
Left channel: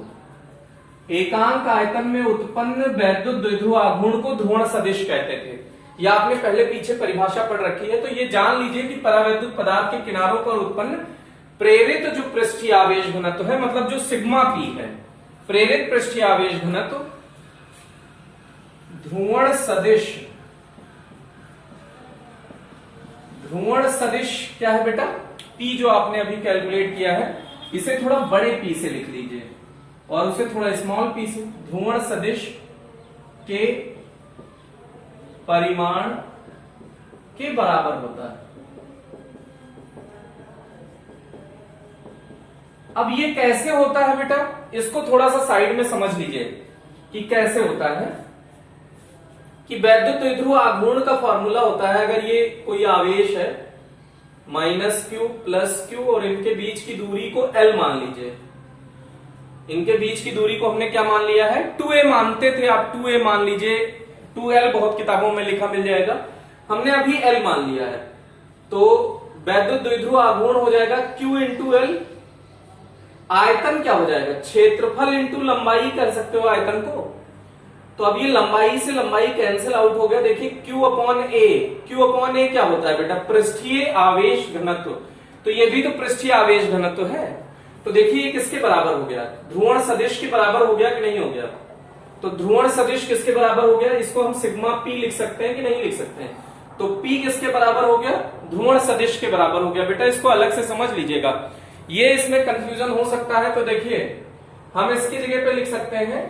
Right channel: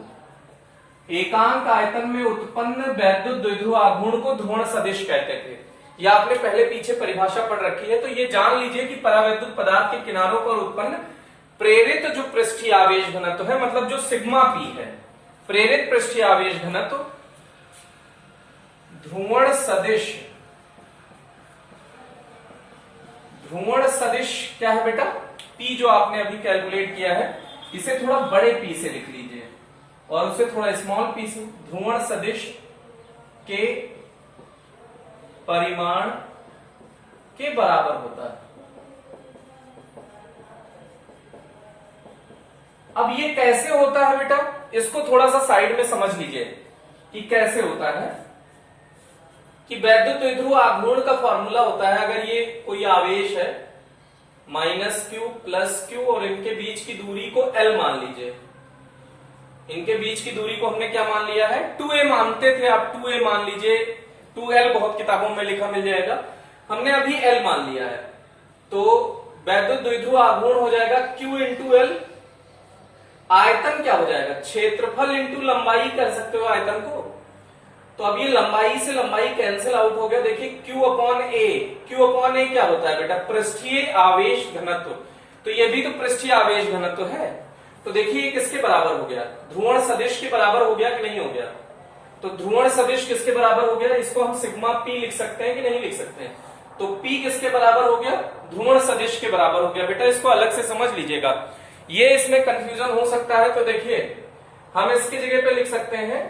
एकांक आयतन में उत्पन्न वैद्युत द्विध्रुव आघूर्ण को ध्रुवण सदिश कहते थे। ये आपने पहले पीछे परिभाषा पढ़ रखी है, तो ये जान लीजिए कि परावैद्युत पदार्थ के किनारों पर उत्पन्न प्रेरित जो पृष्ठीय आवेश घनत्व है, मतलब जो सिग्मा पी है, प्रेरित पृष्ठीय आवेश घनत्व ध्रुवण सदिश, ध्रुवण सदिश क्या है बेटा, P जो आपने अभी कैलकुलेट किया है, इसे थोड़ा बड़े P से लिख लीजिए और उसे थोड़ा स्मॉल P से, ध्रुवण सदिश के परिमाण के बराबर होता है। अब ये कैसे होता है बेटा, इसको थोड़ा सा साइड में समझ लीजिए कि कैसे होता है। कि वैद्युत द्विध्रुव आघूर्ण का फॉर्मूला होता है, अगर ये कोई आवेश है -q + q और इनके बीच की दूरी को L मान लीजिए, इनके बीच की दूरी को हमने क्या मान लिया है, 2a मानते थे, आप 2a मान लीजिए, 2l बहुत किताबों में लिखा मिल जाएगा, हमने अभी L मान लिया है। तो वैद्युत द्विध्रुव आघूर्ण हो जाएगा q × L, आयतन क्या हो जाएगा, क्षेत्रफल इंटू लंबाई कर सकते हो आयतन को। तो अब ये लंबाई से लंबाई कैंसिल आउट हो गया, देखिए Q/A, Q/A क्या होता है बेटा, पृष्ठीय आवेश घनत्व। तो ये भी तो पृष्ठीय आवेश घनत्व है। तो देखिए ये किसके बराबर हो गया, ध्रुवण सदिश के बराबर हो गया कि नहीं हो गया। तो ध्रुवण सदिश किसके बराबर हो गया, इसको हम सिग्मा P लिख सकते हैं कि नहीं लिख सकते हैं। तो P किसके बराबर हो गया, ध्रुवण सदिश के बराबर हो गया। बेटा इसको अलग से समझ लीजिएगा, ये इसमें कंफ्यूजन हो सकता है। तो देखिए हम इसकी जगह पे लिख सकते हैं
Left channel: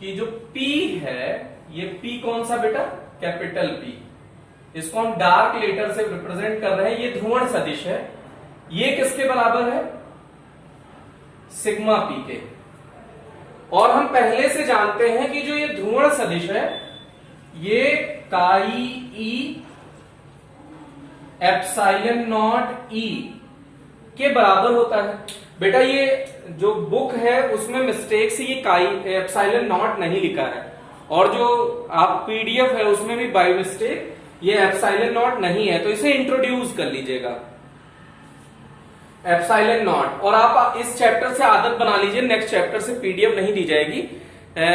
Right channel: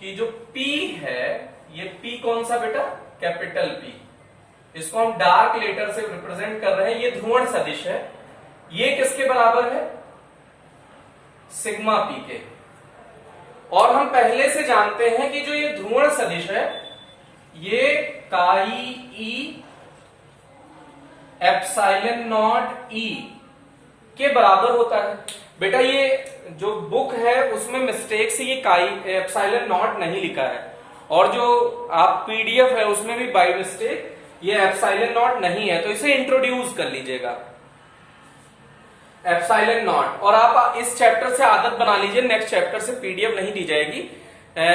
कि जो P है, ये P कौन सा बेटा, कैपिटल P, इसको हम डार्क लेटर से रिप्रेजेंट कर रहे हैं, ये ध्रुवण सदिश है। ये किसके बराबर है, सिग्मा P के। और हम पहले से जानते हैं कि जो ये ध्रुवण सदिश है ये काई E ε0E के बराबर होता है। बेटा ये जो बुक है उसमें मिस्टेक से ये काई ε0 नहीं लिखा है, और जो आप पीडीएफ है उसमें भी बाय मिस्टेक ये ε0 नहीं है, तो इसे इंट्रोड्यूस कर लीजिएगा ε0। और आप इस चैप्टर से आदत बना लीजिए, नेक्स्ट चैप्टर से पीडीएफ नहीं दी जाएगी,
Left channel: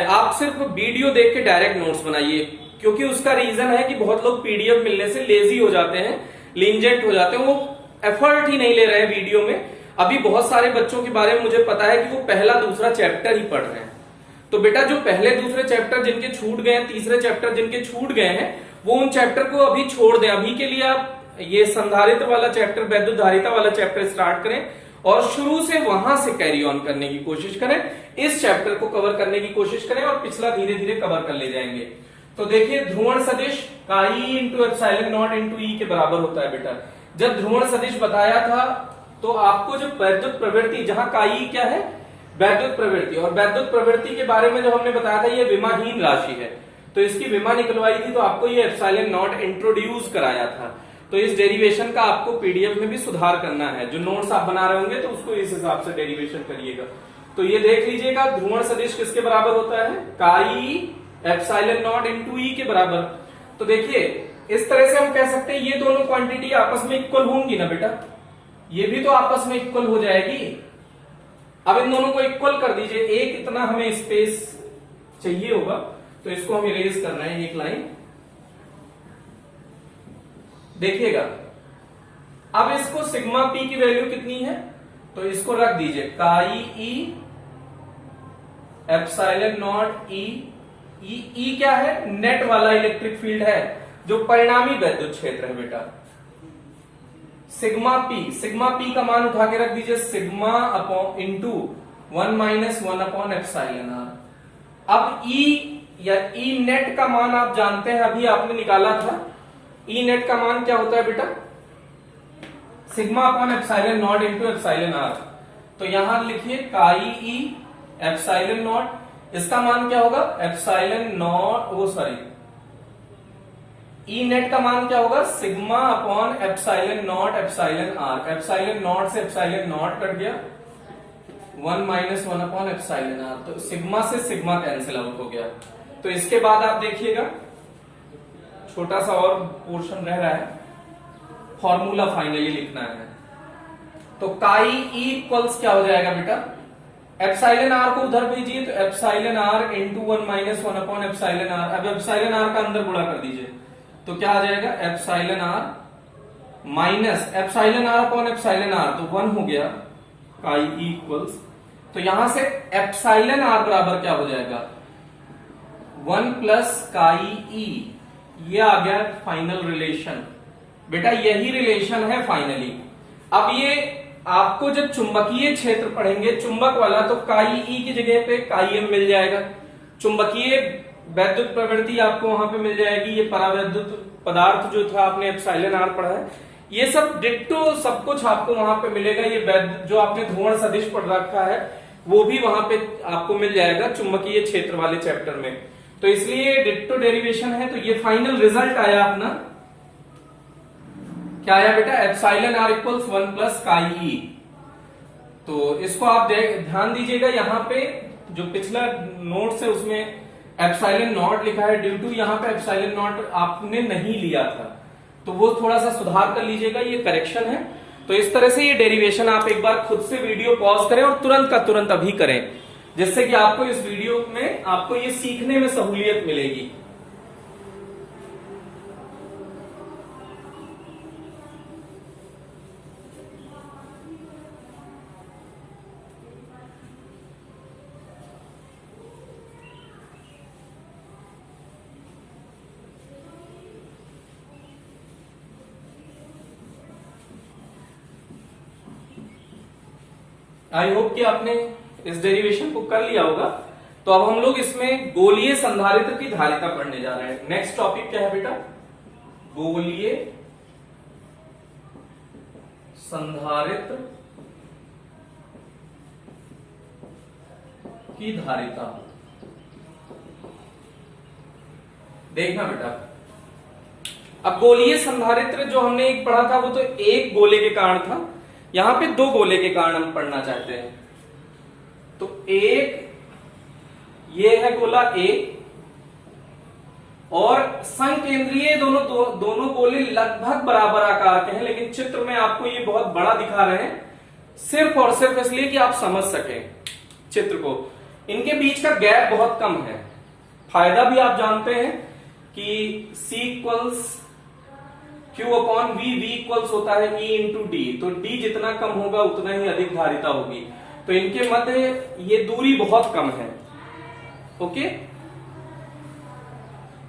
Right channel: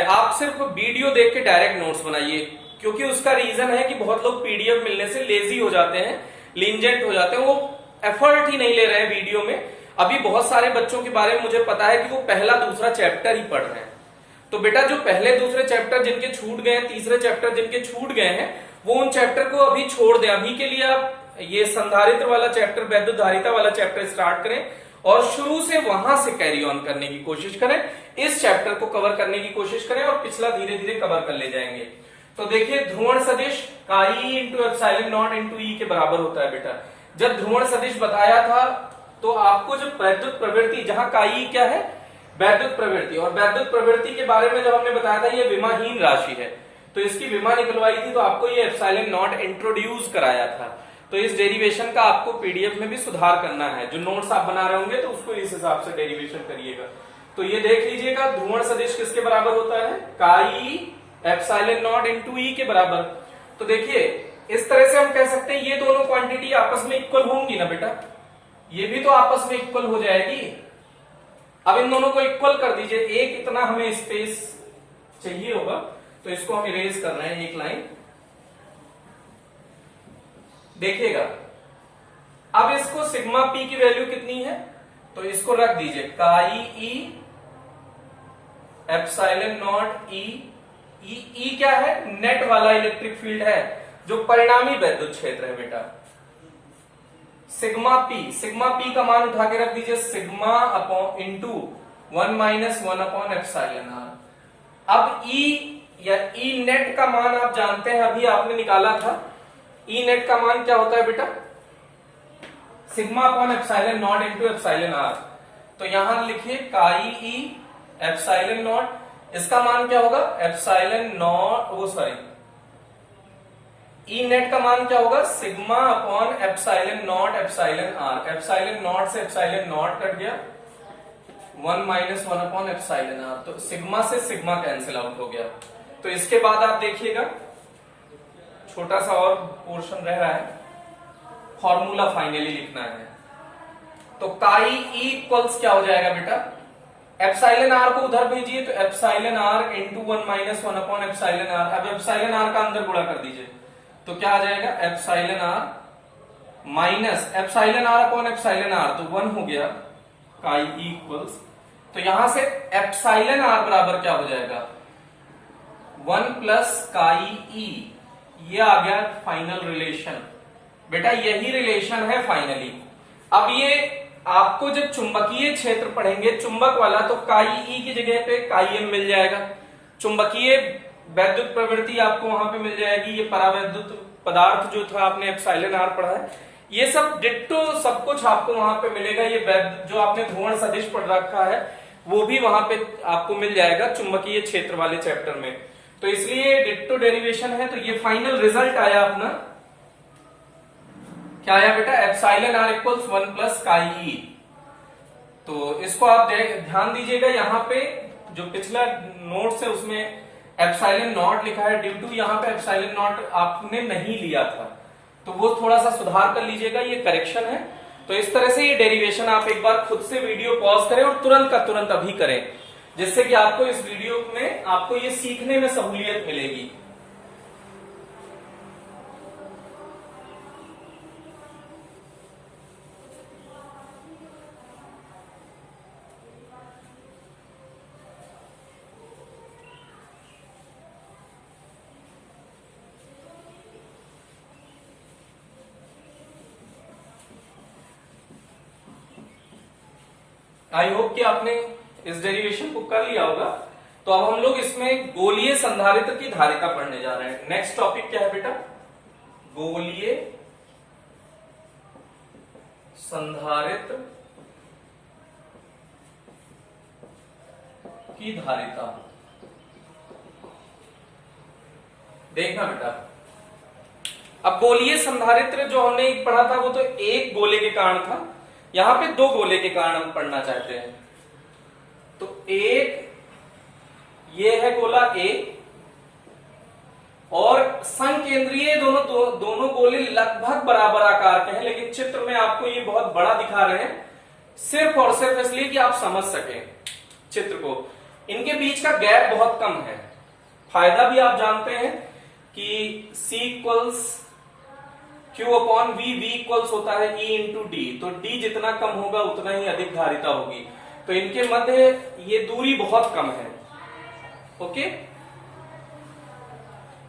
आप सिर्फ वीडियो देख के डायरेक्ट नोट्स बनाइए। क्योंकि उसका रीजन है कि बहुत लोग पीडीएफ मिलने से लेजी हो जाते हैं, लींजेंट हो जाते हैं, वो एफर्ट ही नहीं ले रहे हैं वीडियो में। अभी बहुत सारे बच्चों के बारे में मुझे पता है कि वो पहला दूसरा चैप्टर ही पढ़ रहे हैं। तो बेटा जो पहले दूसरे चैप्टर जिनके छूट गए हैं, तीसरे चैप्टर जिनके छूट गए हैं, वो उन चैप्टर को अभी छोड़ दें। अभी के लिए आप ये संधारित्र वाला चैप्टर, वैद्युत धारिता वाला चैप्टर स्टार्ट करें और शुरू से वहां से कैरी ऑन करने की कोशिश करें, इस चैप्टर को कवर करने की कोशिश करें और पिछला धीरे धीरे कवर कर ले जाएंगे। तो देखिए ध्रुवण सदिश काई इंटू एप्सिलॉन नॉट इंटू ई के बराबर होता है बेटा। जब ध्रुवण सदिश बताया था तो आपको जो वैद्युत प्रवृत्ति, जहां काई क्या है वैद्युत प्रवृत्ति, और वैद्युत प्रवृत्ति के बारे में जब हमने बताया था ये विमाहीन राशि है, तो इसकी विमा निकलवाई थी, तो आपको ये एप्सिलॉन नॉट इंट्रोड्यूस कराया था। तो इस डेरिवेशन का आपको पीडीएफ में भी सुधार करना है, जो नोट्स आप बना रहे होंगे तो उसको इस हिसाब से डेरिवेशन करिएगा। तो ये देख लीजिएगा ध्रुवण सदिश किसके बराबर होता है, काई एप्सिलॉन नॉट इंटू ई के बराबर। तो देखिए इस तरह से हम कह सकते हैं ये दोनों क्वांटिटी आपस में इक्वल होंगी ना बेटा, ये भी तो आपस में इक्वल हो जाएगी। अब इन दोनों को इक्वल कर दीजिए, एक इतना हमें स्पेस चाहिए होगा तो इसको हम इरेज करना है एक लाइन। देखिएगा अब इसको सिग्मा पी की वैल्यू कितनी है, तो इसको रख दीजिए काई ई एप्सिलॉन नॉट ई। ई क्या है, नेट वाला इलेक्ट्रिक फील्ड है जो परिणामी वैद्युत क्षेत्र है बेटा। सिग्मा पी का मान उठा के रख दीजिए sigma upon into 1 minus 1 upon epsilon r. अब ई या ई नेट का मान आप जानते हैं, अभी आपने निकाला था। ई नेट का मान क्या होता है बेटा, sigma upon epsilon naught into epsilon r. तो यहां लिखिए काई ई एप्सिलॉन नॉट, इसका मान क्या होगा एप्सिलॉन नॉट, वो सॉरी ई नेट का मान क्या होगा sigma upon epsilon not epsilon r. Epsilon naught से एप्सिलॉन नॉट कट गया, 1 माइनस 1 अपॉन एप्सिलॉन आर। तो सिग्मा से सिग्मा कैंसिल आउट हो गया। तो इसके बाद आप देखिएगा छोटा सा और पोर्शन रह रहा है, फॉर्मूला फाइनली लिखना है। तो काई ई इक्वल्स क्या हो जाएगा बेटा, एप्सिलॉन आर को उधर भेजिए तो epsilon r into 1 minus 1 upon epsilon r. अब एप्सिलॉन आर का अंदर गुणा कर दीजिए तो क्या आ जाएगा epsilon r minus epsilon r upon epsilon r, तो 1 हो गया काई ई इक्वल्स। तो यहां से एप्सिलॉन आर बराबर क्या हो जाएगा 1 प्लस काई ई, ये आ गया फाइनल रिलेशन। बेटा यही रिलेशन है फाइनली। अब ये आपको जब चुंबकीय क्षेत्र पढ़ेंगे चुंबक वाला, तो काई ई की जगह पे काई एम मिल जाएगा। चुंबकीय वैद्युत प्रवृत्ति आपको वहां पे मिल जाएगी। ये परावैद्युत पदार्थ जो था आपने एप्सिलॉन आर पढ़ा है, ये सब डिट्टो सब कुछ आपको वहां पे मिलेगा। ये जो आपने ध्रुवण सदिश पढ़ रखा है वो भी वहां पे आपको मिल जाएगा चुंबकीय क्षेत्र वाले चैप्टर में। तो इसलिए डिट्टो डेरिवेशन है। तो ये फाइनल रिजल्ट आया अपना, क्या आया बेटा epsilon r equals 1 plus chi ई। तो इसको आप ध्यान दीजिएगा, यहाँ पे जो पिछला नोट्स है उसमें एप्सिलॉन नॉट लिखा है, ड्यू टू यहाँ पे एप्सिलॉन नॉट आपने नहीं लिया था, तो वो थोड़ा सा सुधार कर लीजिएगा, ये करेक्शन है। तो इस तरह से ये डेरिवेशन आप एक बार खुद से वीडियो पॉज करें और तुरंत का तुरंत अभी करें, जिससे कि आपको इस वीडियो में आपको ये सीखने में सहूलियत मिलेगी। आई होप कि आपने इस डेरिवेशन को कर लिया होगा। तो अब हम लोग इसमें गोलीय संधारित्र की धारिता पढ़ने जा रहे हैं। नेक्स्ट टॉपिक क्या है बेटा, गोलीय संधारित्र की धारिता। देखना बेटा, अब गोलीय संधारित्र जो हमने एक पढ़ा था वो तो एक गोले के कारण था, यहां पे दो गोले के कारण हम पढ़ना चाहते हैं। तो एक ये है गोला ए और संकेंद्रीय दोनों गोले लगभग बराबर आकार के हैं, लेकिन चित्र में आपको ये बहुत बड़ा दिखा रहे हैं सिर्फ और सिर्फ इसलिए कि आप समझ सकें चित्र को। इनके बीच का गैप बहुत कम है। फायदा भी आप जानते हैं कि C equals Q upon V, V equals होता है E इंटू D, तो D जितना कम होगा उतना ही अधिक धारिता होगी। तो इनके मध्य ये दूरी बहुत कम है। ओके,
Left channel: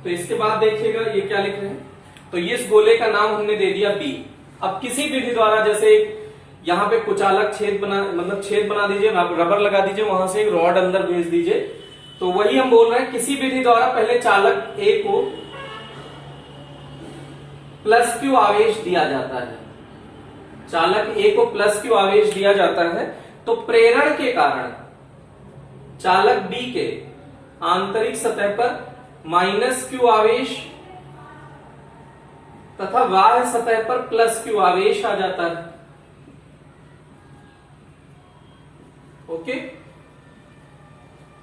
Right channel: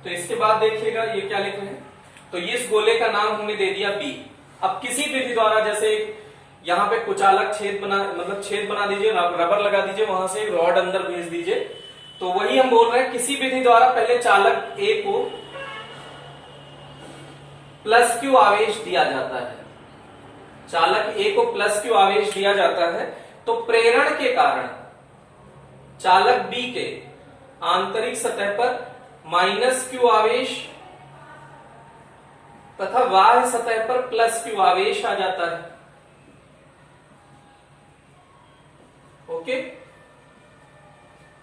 तो इसके बाद देखिएगा ये क्या लिख रहे हैं। तो इस गोले का नाम हमने दे दिया B। अब किसी विधि द्वारा, जैसे यहाँ पे कुचालक छेद बना, मतलब छेद बना दीजिए, रबर लगा दीजिए, वहां से एक रॉड अंदर भेज दीजिए। तो वही हम बोल रहे हैं, किसी विधि द्वारा पहले चालक ए को प्लस क्यू आवेश दिया जाता है, चालक ए को प्लस क्यू आवेश दिया जाता है, तो प्रेरण के कारण चालक बी के आंतरिक सतह पर माइनस क्यू आवेश तथा बाह्य सतह पर प्लस क्यू आवेश आ जाता है। ओके,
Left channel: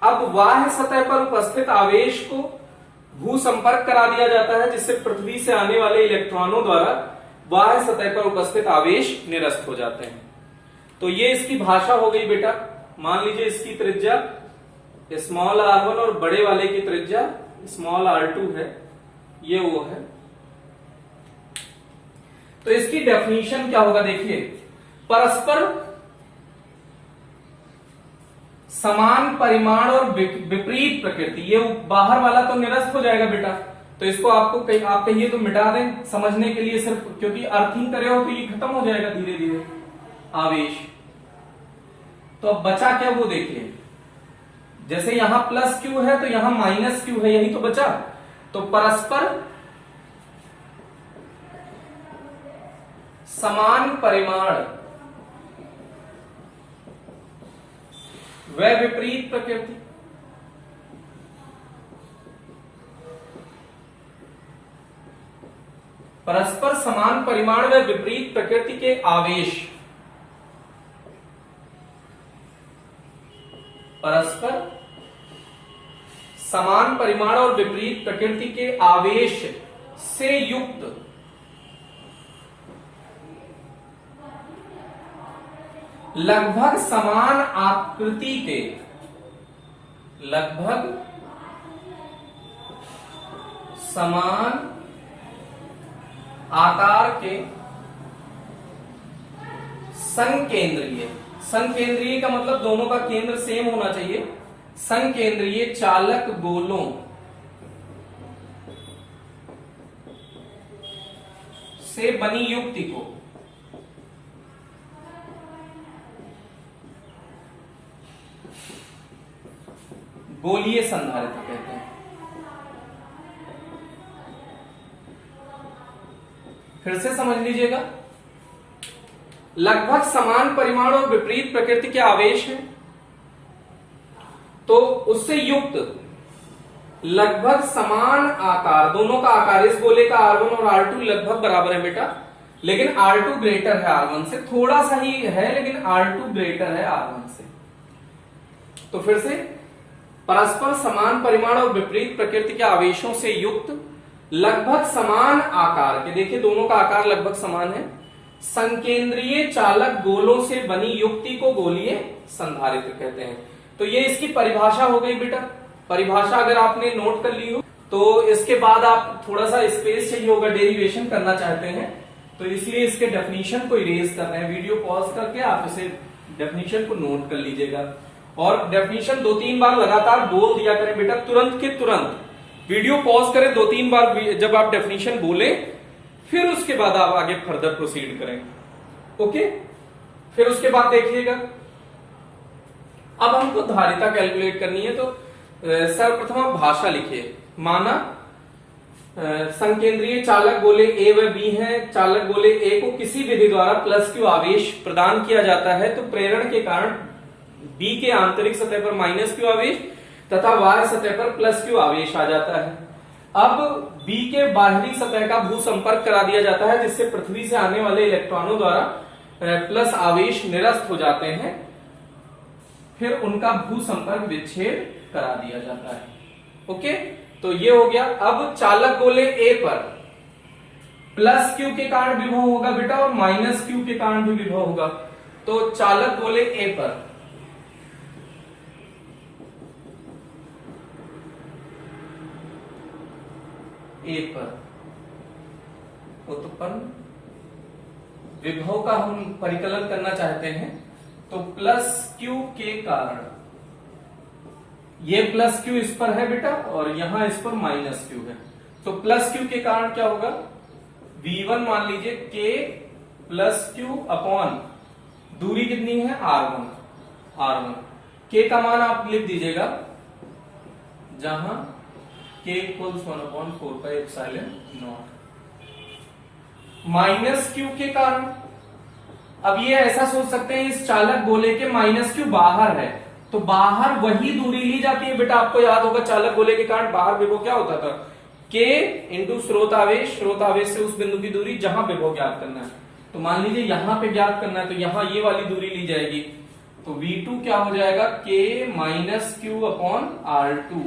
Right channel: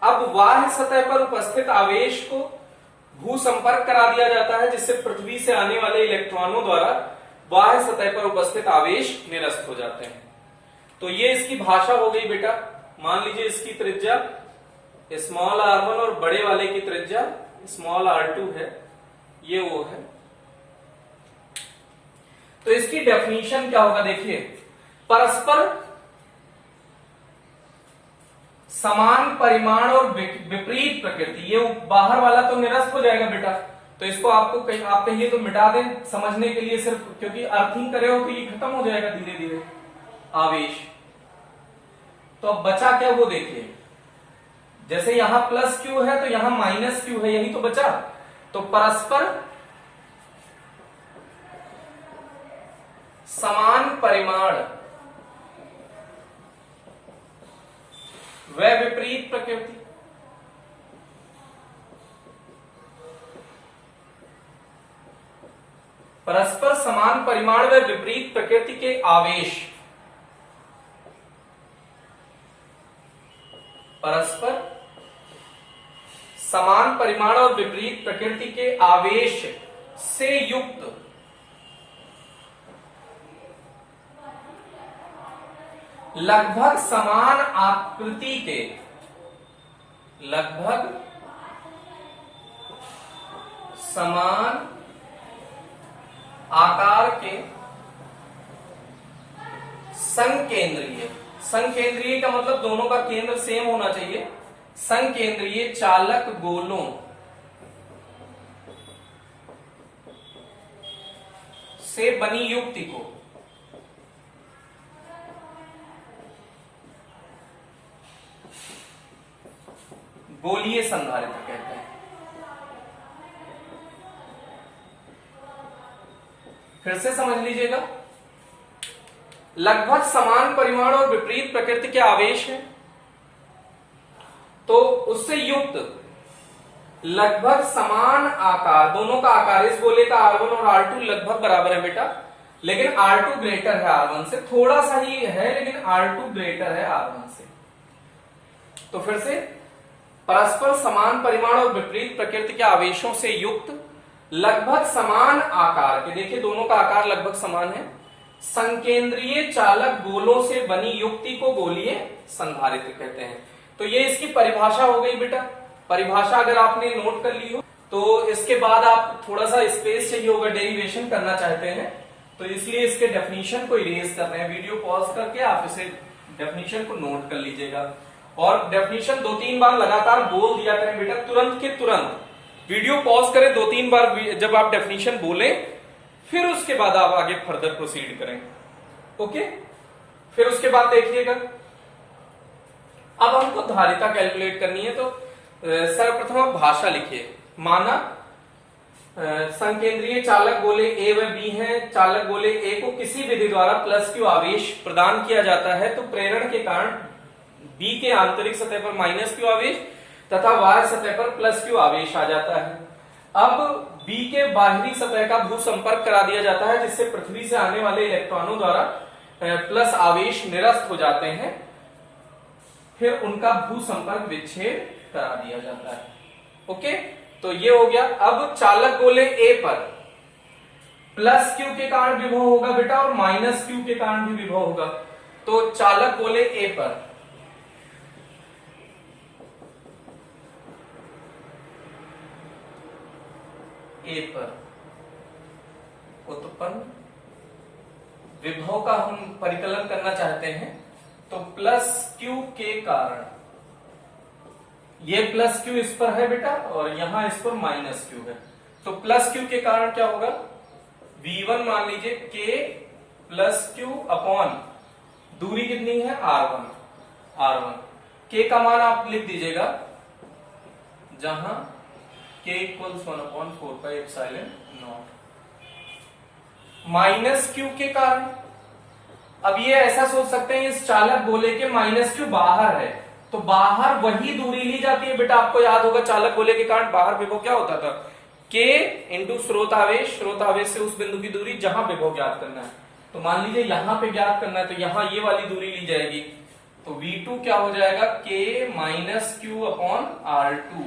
अब बाह्य सतह पर उपस्थित आवेश को भू संपर्क करा दिया जाता है, जिससे पृथ्वी से आने वाले इलेक्ट्रॉनों द्वारा बाह्य सतह पर उपस्थित आवेश निरस्त हो जाते हैं। तो ये इसकी भाषा हो गई बेटा। मान लीजिए इसकी त्रिज्या स्मॉल r1 और बड़े वाले की त्रिज्या स्मॉल r2 है, ये वो है। तो इसकी डेफिनेशन क्या होगा, देखिए, परस्पर समान परिमाण और विपरीत प्रकृति, ये बाहर वाला तो निरस्त हो जाएगा बेटा, तो इसको आपको आप कहिए तो मिटा दें समझने के लिए, सिर्फ क्योंकि अर्थिंग करे हो तो ये खत्म हो जाएगा धीरे धीरे आवेश। तो अब बचा क्या वो देखिए, जैसे यहां प्लस क्यू है तो यहां माइनस क्यू है, यही तो बचा। तो परस्पर समान परिमाण व विपरीत प्रकृति, परस्पर समान परिमाण व विपरीत प्रकृति के आवेश, परस्पर समान परिमाण और विपरीत प्रकृति के आवेश से युक्त लगभग समान आकृति के, लगभग समान आकार के संकेंद्रीय, संकेंद्रीय का मतलब दोनों का केंद्र सेम होना चाहिए, संकेंद्रीय चालक गोलों से बनी युक्ति को गोलीय संधारित्र कहते हैं। फिर से समझ लीजिएगा, लगभग समान परिमाण और विपरीत प्रकृति के आवेश है, तो उससे युक्त लगभग समान आकार, दोनों का आकार, इस गोले का R1 और R2 लगभग बराबर है बेटा, लेकिन R2 ग्रेटर है R1 से, थोड़ा सा ही है लेकिन R2 ग्रेटर है R1 से। तो फिर से, परस्पर समान परिमाण और विपरीत प्रकृति के आवेशों से युक्त लगभग समान आकार के, देखिए दोनों का आकार लगभग समान है, संकेंद्रीय चालक गोलों से बनी युक्ति को गोलीय संधारित्र कहते हैं। तो ये इसकी परिभाषा हो गई बेटा। परिभाषा अगर आपने नोट कर ली हो तो इसके बाद आप थोड़ा सा स्पेस चाहिए होगा, डेरिवेशन करना चाहते हैं, तो इसलिए इसके डेफिनेशन को इरेज कर रहे हैं। वीडियो पॉज करके आप इसे डेफिनेशन को नोट कर लीजिएगा, और डेफिनेशन 2-3 बार लगातार बोल दिया करें बेटा, तुरंत के तुरंत वीडियो पॉज करें, 2-3 बार जब आप डेफिनेशन बोले फिर उसके बाद आप आगे फर्दर प्रोसीड करें। ओके, फिर उसके बाद देखिएगा, अब हमको धारिता कैलकुलेट करनी है, तो सर्वप्रथम आप भाषा लिखिए। माना संकेंद्रीय चालक गोले ए व बी हैं, चालक गोले ए को किसी विधि द्वारा प्लस क्यू आवेश प्रदान किया जाता है, तो प्रेरण के कारण बी के आंतरिक सतह पर माइनस क्यू आवेश तथा बाह्य सतह पर प्लस क्यू आवेश आ जाता है। अब बी के बाहरी सतह का भू संपर्क करा दिया जाता है, जिससे पृथ्वी से आने वाले इलेक्ट्रॉनों द्वारा प्लस आवेश निरस्त हो जाते हैं, फिर उनका भू संपर्क विच्छेद करा दिया जाता है। ओके, तो ये हो गया। अब चालक गोले ए पर प्लस क्यू के कारण विभव होगा बेटा, और माइनस क्यू के कारण भी विभव होगा। तो चालक गोले ए पर उत्पन्न विभव का हम परिकलन करना चाहते हैं, तो प्लस क्यू के कारण, ये प्लस क्यू इस पर है बेटा और यहां इस पर माइनस क्यू है, तो प्लस क्यू के कारण क्या होगा, V1 मान लीजिए K प्लस क्यू अपॉन दूरी कितनी है R1। के का मान आप लिख दीजिएगा, जहां k इक्वल्स 1/4πε0 माइनस क्यू के कारण। अब ये ऐसा सोच सकते हैं इस चालक गोले के माइनस क्यू बाहर है, तो बाहर वही दूरी ली जाती है बेटा। आपको याद होगा चालक गोले के कारण बाहर विभव क्या होता था, k इंटू स्रोत आवेश से उस बिंदु की दूरी जहां विभव ज्ञात करना है। तो मान लीजिए यहां पे ज्ञात करना है, तो यहां ये वाली दूरी ली जाएगी, तो V2 क्या हो जाएगा, k minus Q upon R2।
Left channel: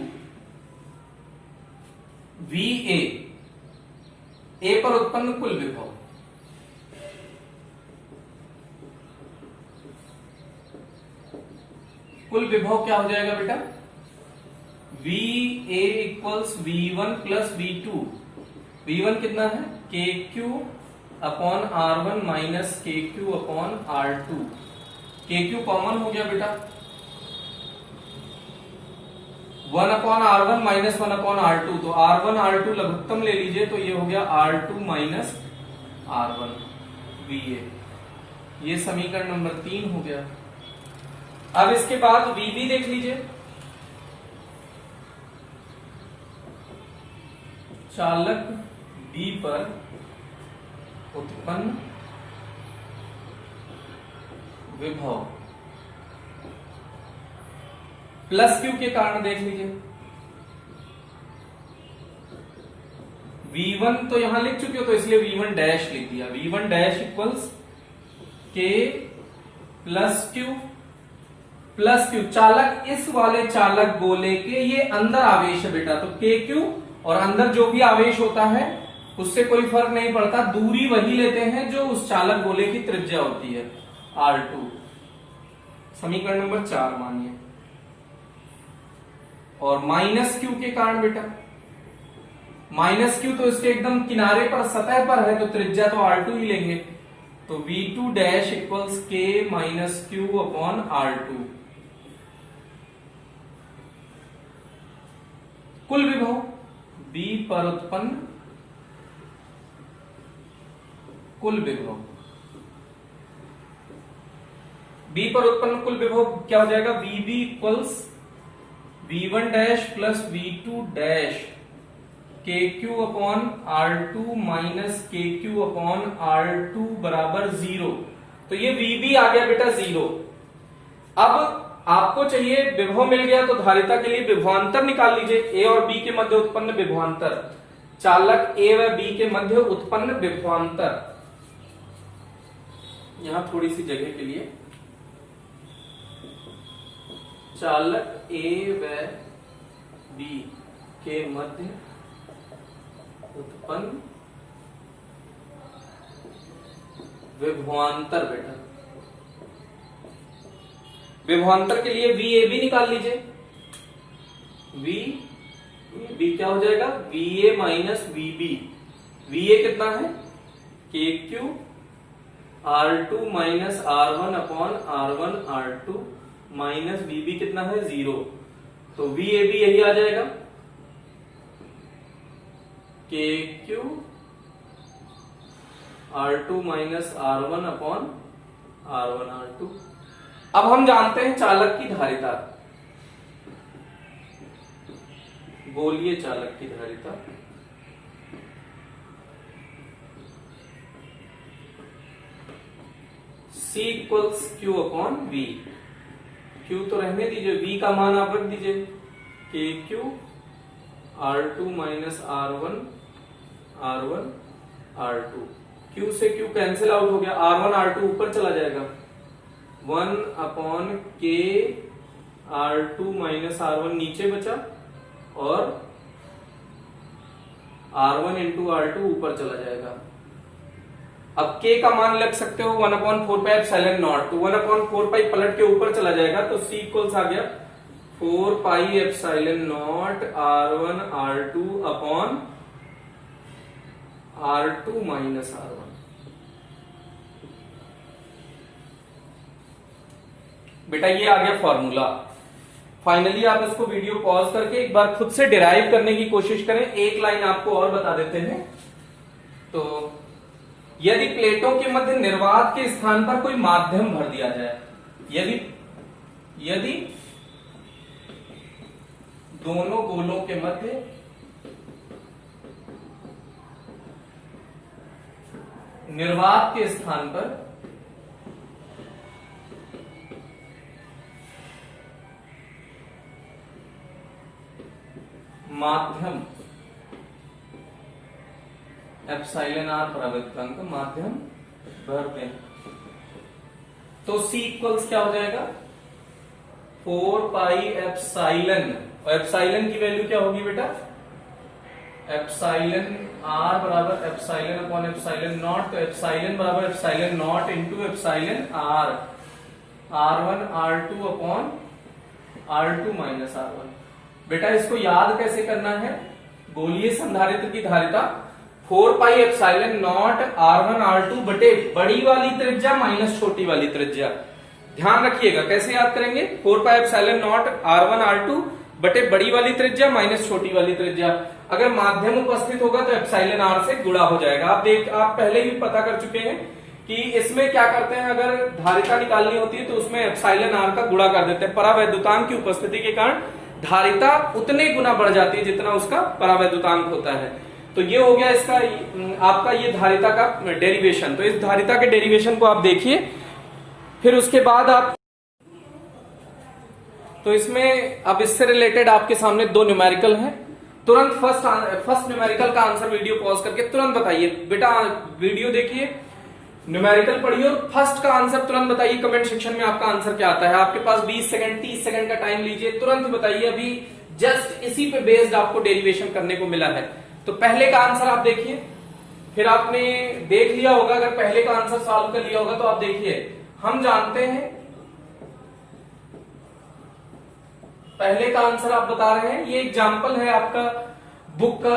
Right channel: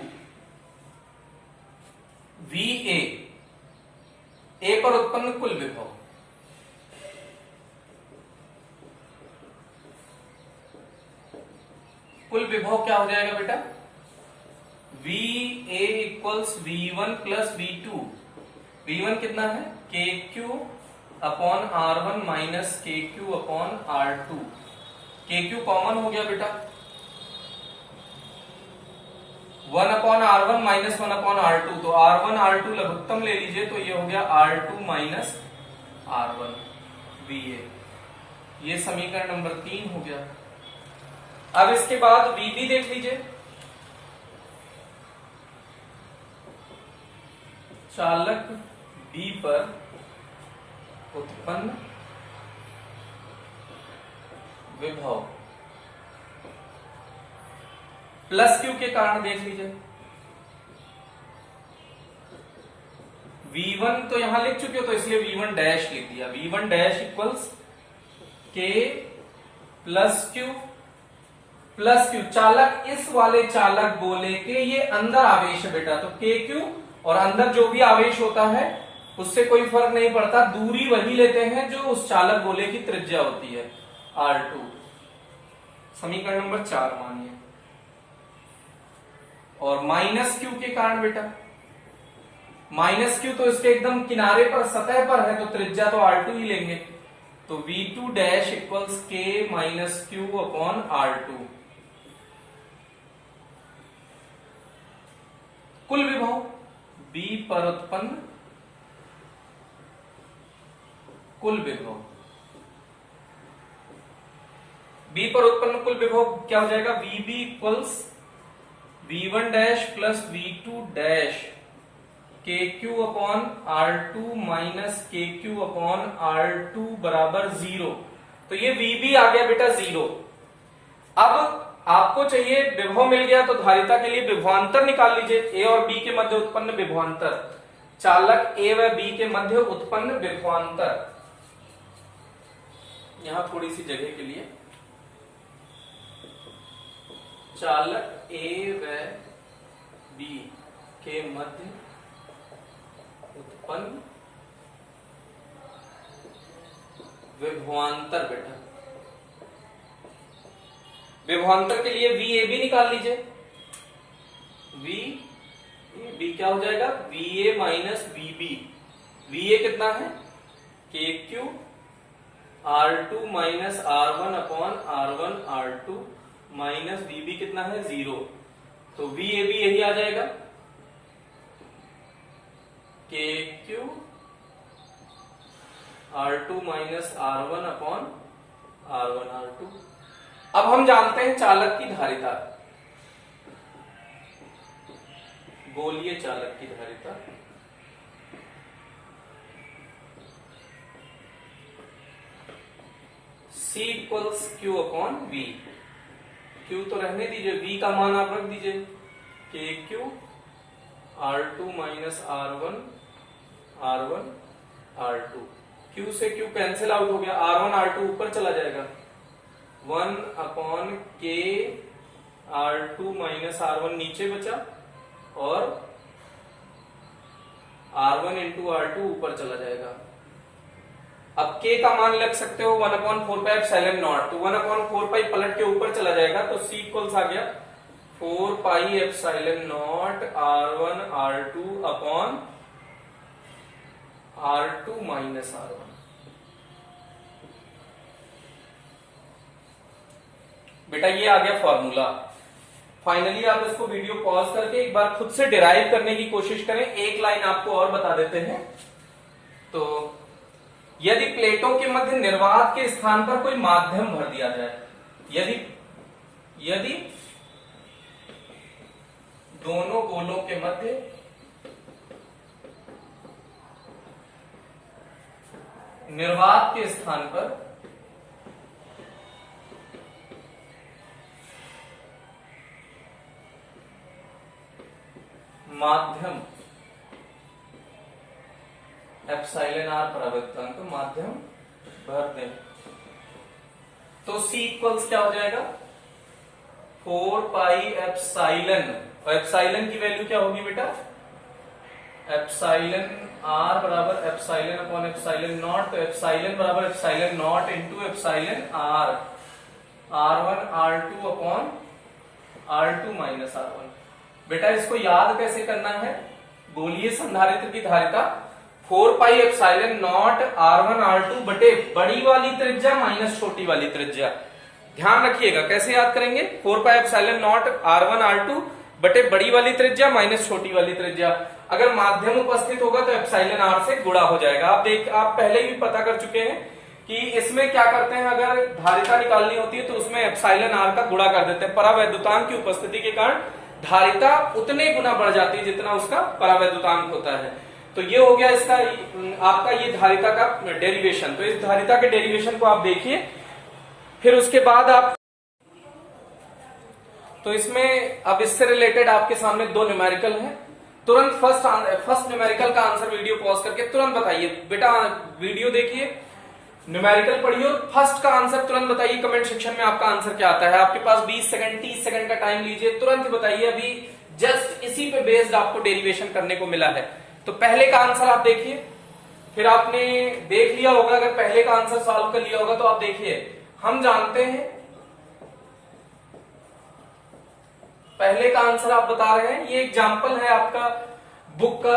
VA, ए पर उत्पन्न कुल विभव, कुल विभव क्या हो जाएगा बेटा, VA equals V1 plus V2। V1 कितना है, KQ upon R1 minus KQ upon R2। KQ common हो गया बेटा, 1/R1 माइनस 1/R2, तो R1 R2 लघुत्तम ले लीजिए, तो ये हो गया R2 माइनस R1 VA। ये समीकरण नंबर 3 हो गया। अब इसके बाद VB देख लीजिए, चालक B पर उत्पन्न विभव प्लस क्यू के कारण देख लीजिए। V1 तो यहां लिख चुके हो, तो इसलिए V1 डैश लिख दिया। V1 dash equals K plus Q चालक, इस वाले चालक गोले के ये अंदर आवेश है बेटा, तो KQ और अंदर जो भी आवेश होता है उससे कोई फर्क नहीं पड़ता, दूरी वही लेते हैं जो उस चालक गोले की त्रिज्या होती है R2। समीकरण नंबर 4 मानिए। और माइनस क्यू के कारण बेटा, माइनस क्यू तो इसके एकदम किनारे पर सतह पर है, तो त्रिज्या तो R2 ही लेंगे, तो V2 dash equals K minus Q upon R2। कुल विभव B पर उत्पन्न कुल विभव, B पर उत्पन्न कुल विभव क्या हो जाएगा, VB equals V1 dash plus V2 dash KQ upon R2 minus KQ upon R2 बराबर 0। तो ये VB आ गया बेटा 0। अब आपको चाहिए विभव मिल गया, तो धारिता के लिए विभवांतर निकाल लीजिए, A और B के मध्य उत्पन्न विभवांतर, चालक A व B के मध्य उत्पन्न विभवांतर। यहां थोड़ी सी जगह के लिए, चालक A व B के मध्य उत्पन्न विभवांतर बेटा, विभवांतर के लिए VAB निकाल लीजिए। VAB क्या हो जाएगा, VA माइनस VB। VA कितना है, KQ R2 minus R1 upon R1 R2 minus VB कितना है 0, तो VAB यही आ जाएगा, KQ R2 minus R1 upon R1 R2। अब हम जानते हैं चालक की धारिता, गोलीय चालक की धारिता, C equals Q upon V। Q तो रहने दीजिए, V का मान आप रख दीजिए, KQ R2 minus R1 R2। Q से Q कैंसिल आउट हो गया, R1 R2 ऊपर चला जाएगा, 1 upon K R2 minus R1 नीचे बचा, और R1 इंटू R2 ऊपर चला जाएगा। अब K का मान लग सकते हो 1/4πε0, तो 1/4π पलट के ऊपर चला जाएगा, तो C इक्वल्स आ गया 4πε0 R1 R2 upon R2 minus R1। बेटा ये आ गया फॉर्मूला। फाइनली आप इसको वीडियो पॉज करके एक बार खुद से डिराइव करने की कोशिश करें। एक लाइन आपको और बता देते हैं, तो यदि प्लेटों के मध्य निर्वात के स्थान पर कोई माध्यम भर दिया जाए, यदि दोनों गोलों के मध्य निर्वात के स्थान पर माध्यम एप्सिलॉन आर परावैद्युतांक माध्यम भर दें, तो C इक्वल्स क्या हो जाएगा 4 पाई एप्सिलॉन, और एप्सिलॉन की वैल्यू क्या होगी बेटा, एप्सिलॉन आर बराबर एप्सिलॉन अपॉन एप्सिलॉन नॉट, तो एप्सिलॉन बराबर epsilon naught into epsilon r, R1 R2 upon R2 minus R1। बेटा इसको याद कैसे करना है, गोलीय संधारित्र की धारिता 4 pi epsilon not R1 R2 बटे बड़ी वाली त्रिज्या माइनस छोटी वाली त्रिज्या। ध्यान रखिएगा कैसे याद करेंगे, 4 pi epsilon not R1 R2 बटे बड़ी वाली त्रिज्या माइनस छोटी वाली त्रिज्या। अगर माध्यम उपस्थित होगा तो एप्सिलॉन आर से गुणा हो जाएगा। आप पहले भी पता कर चुके हैं कि इसमें क्या करते हैं, अगर धारिता निकालनी होती है तो उसमें एप्सिलॉन आर का गुणा कर देते हैं। परावैद्युतांक की उपस्थिति के कारण धारिता उतने गुना बढ़ जाती है जितना उसका परावैद्युतांक होता है। तो ये हो गया इसका आपका ये धारिता का डेरिवेशन। तो इस धारिता के डेरिवेशन को आप देखिए, फिर उसके बाद आप तो इसमें अब इससे रिलेटेड आपके सामने दो न्यूमेरिकल हैं। तुरंत फर्स्ट न्यूमेरिकल का आंसर वीडियो पॉज करके तुरंत बताइए। बेटा वीडियो देखिए, न्यूमेरिकल पढ़िए और फर्स्ट का आंसर तुरंत बताइए। कमेंट सेक्शन में आपका आंसर क्या आता है। आपके पास 20 सेकंड 30 सेकंड का टाइम लीजिए, तुरंत ही बताइए। अभी जस्ट इसी पे बेस्ड आपको डेरिवेशन करने को मिला है। तो पहले का आंसर आप देखिए, फिर आपने देख लिया होगा, अगर पहले का आंसर सॉल्व कर लिया होगा तो आप देखिए। हम जानते हैं पहले का आंसर आप बता रहे हैं, ये एग्जाम्पल है आपका बुक का,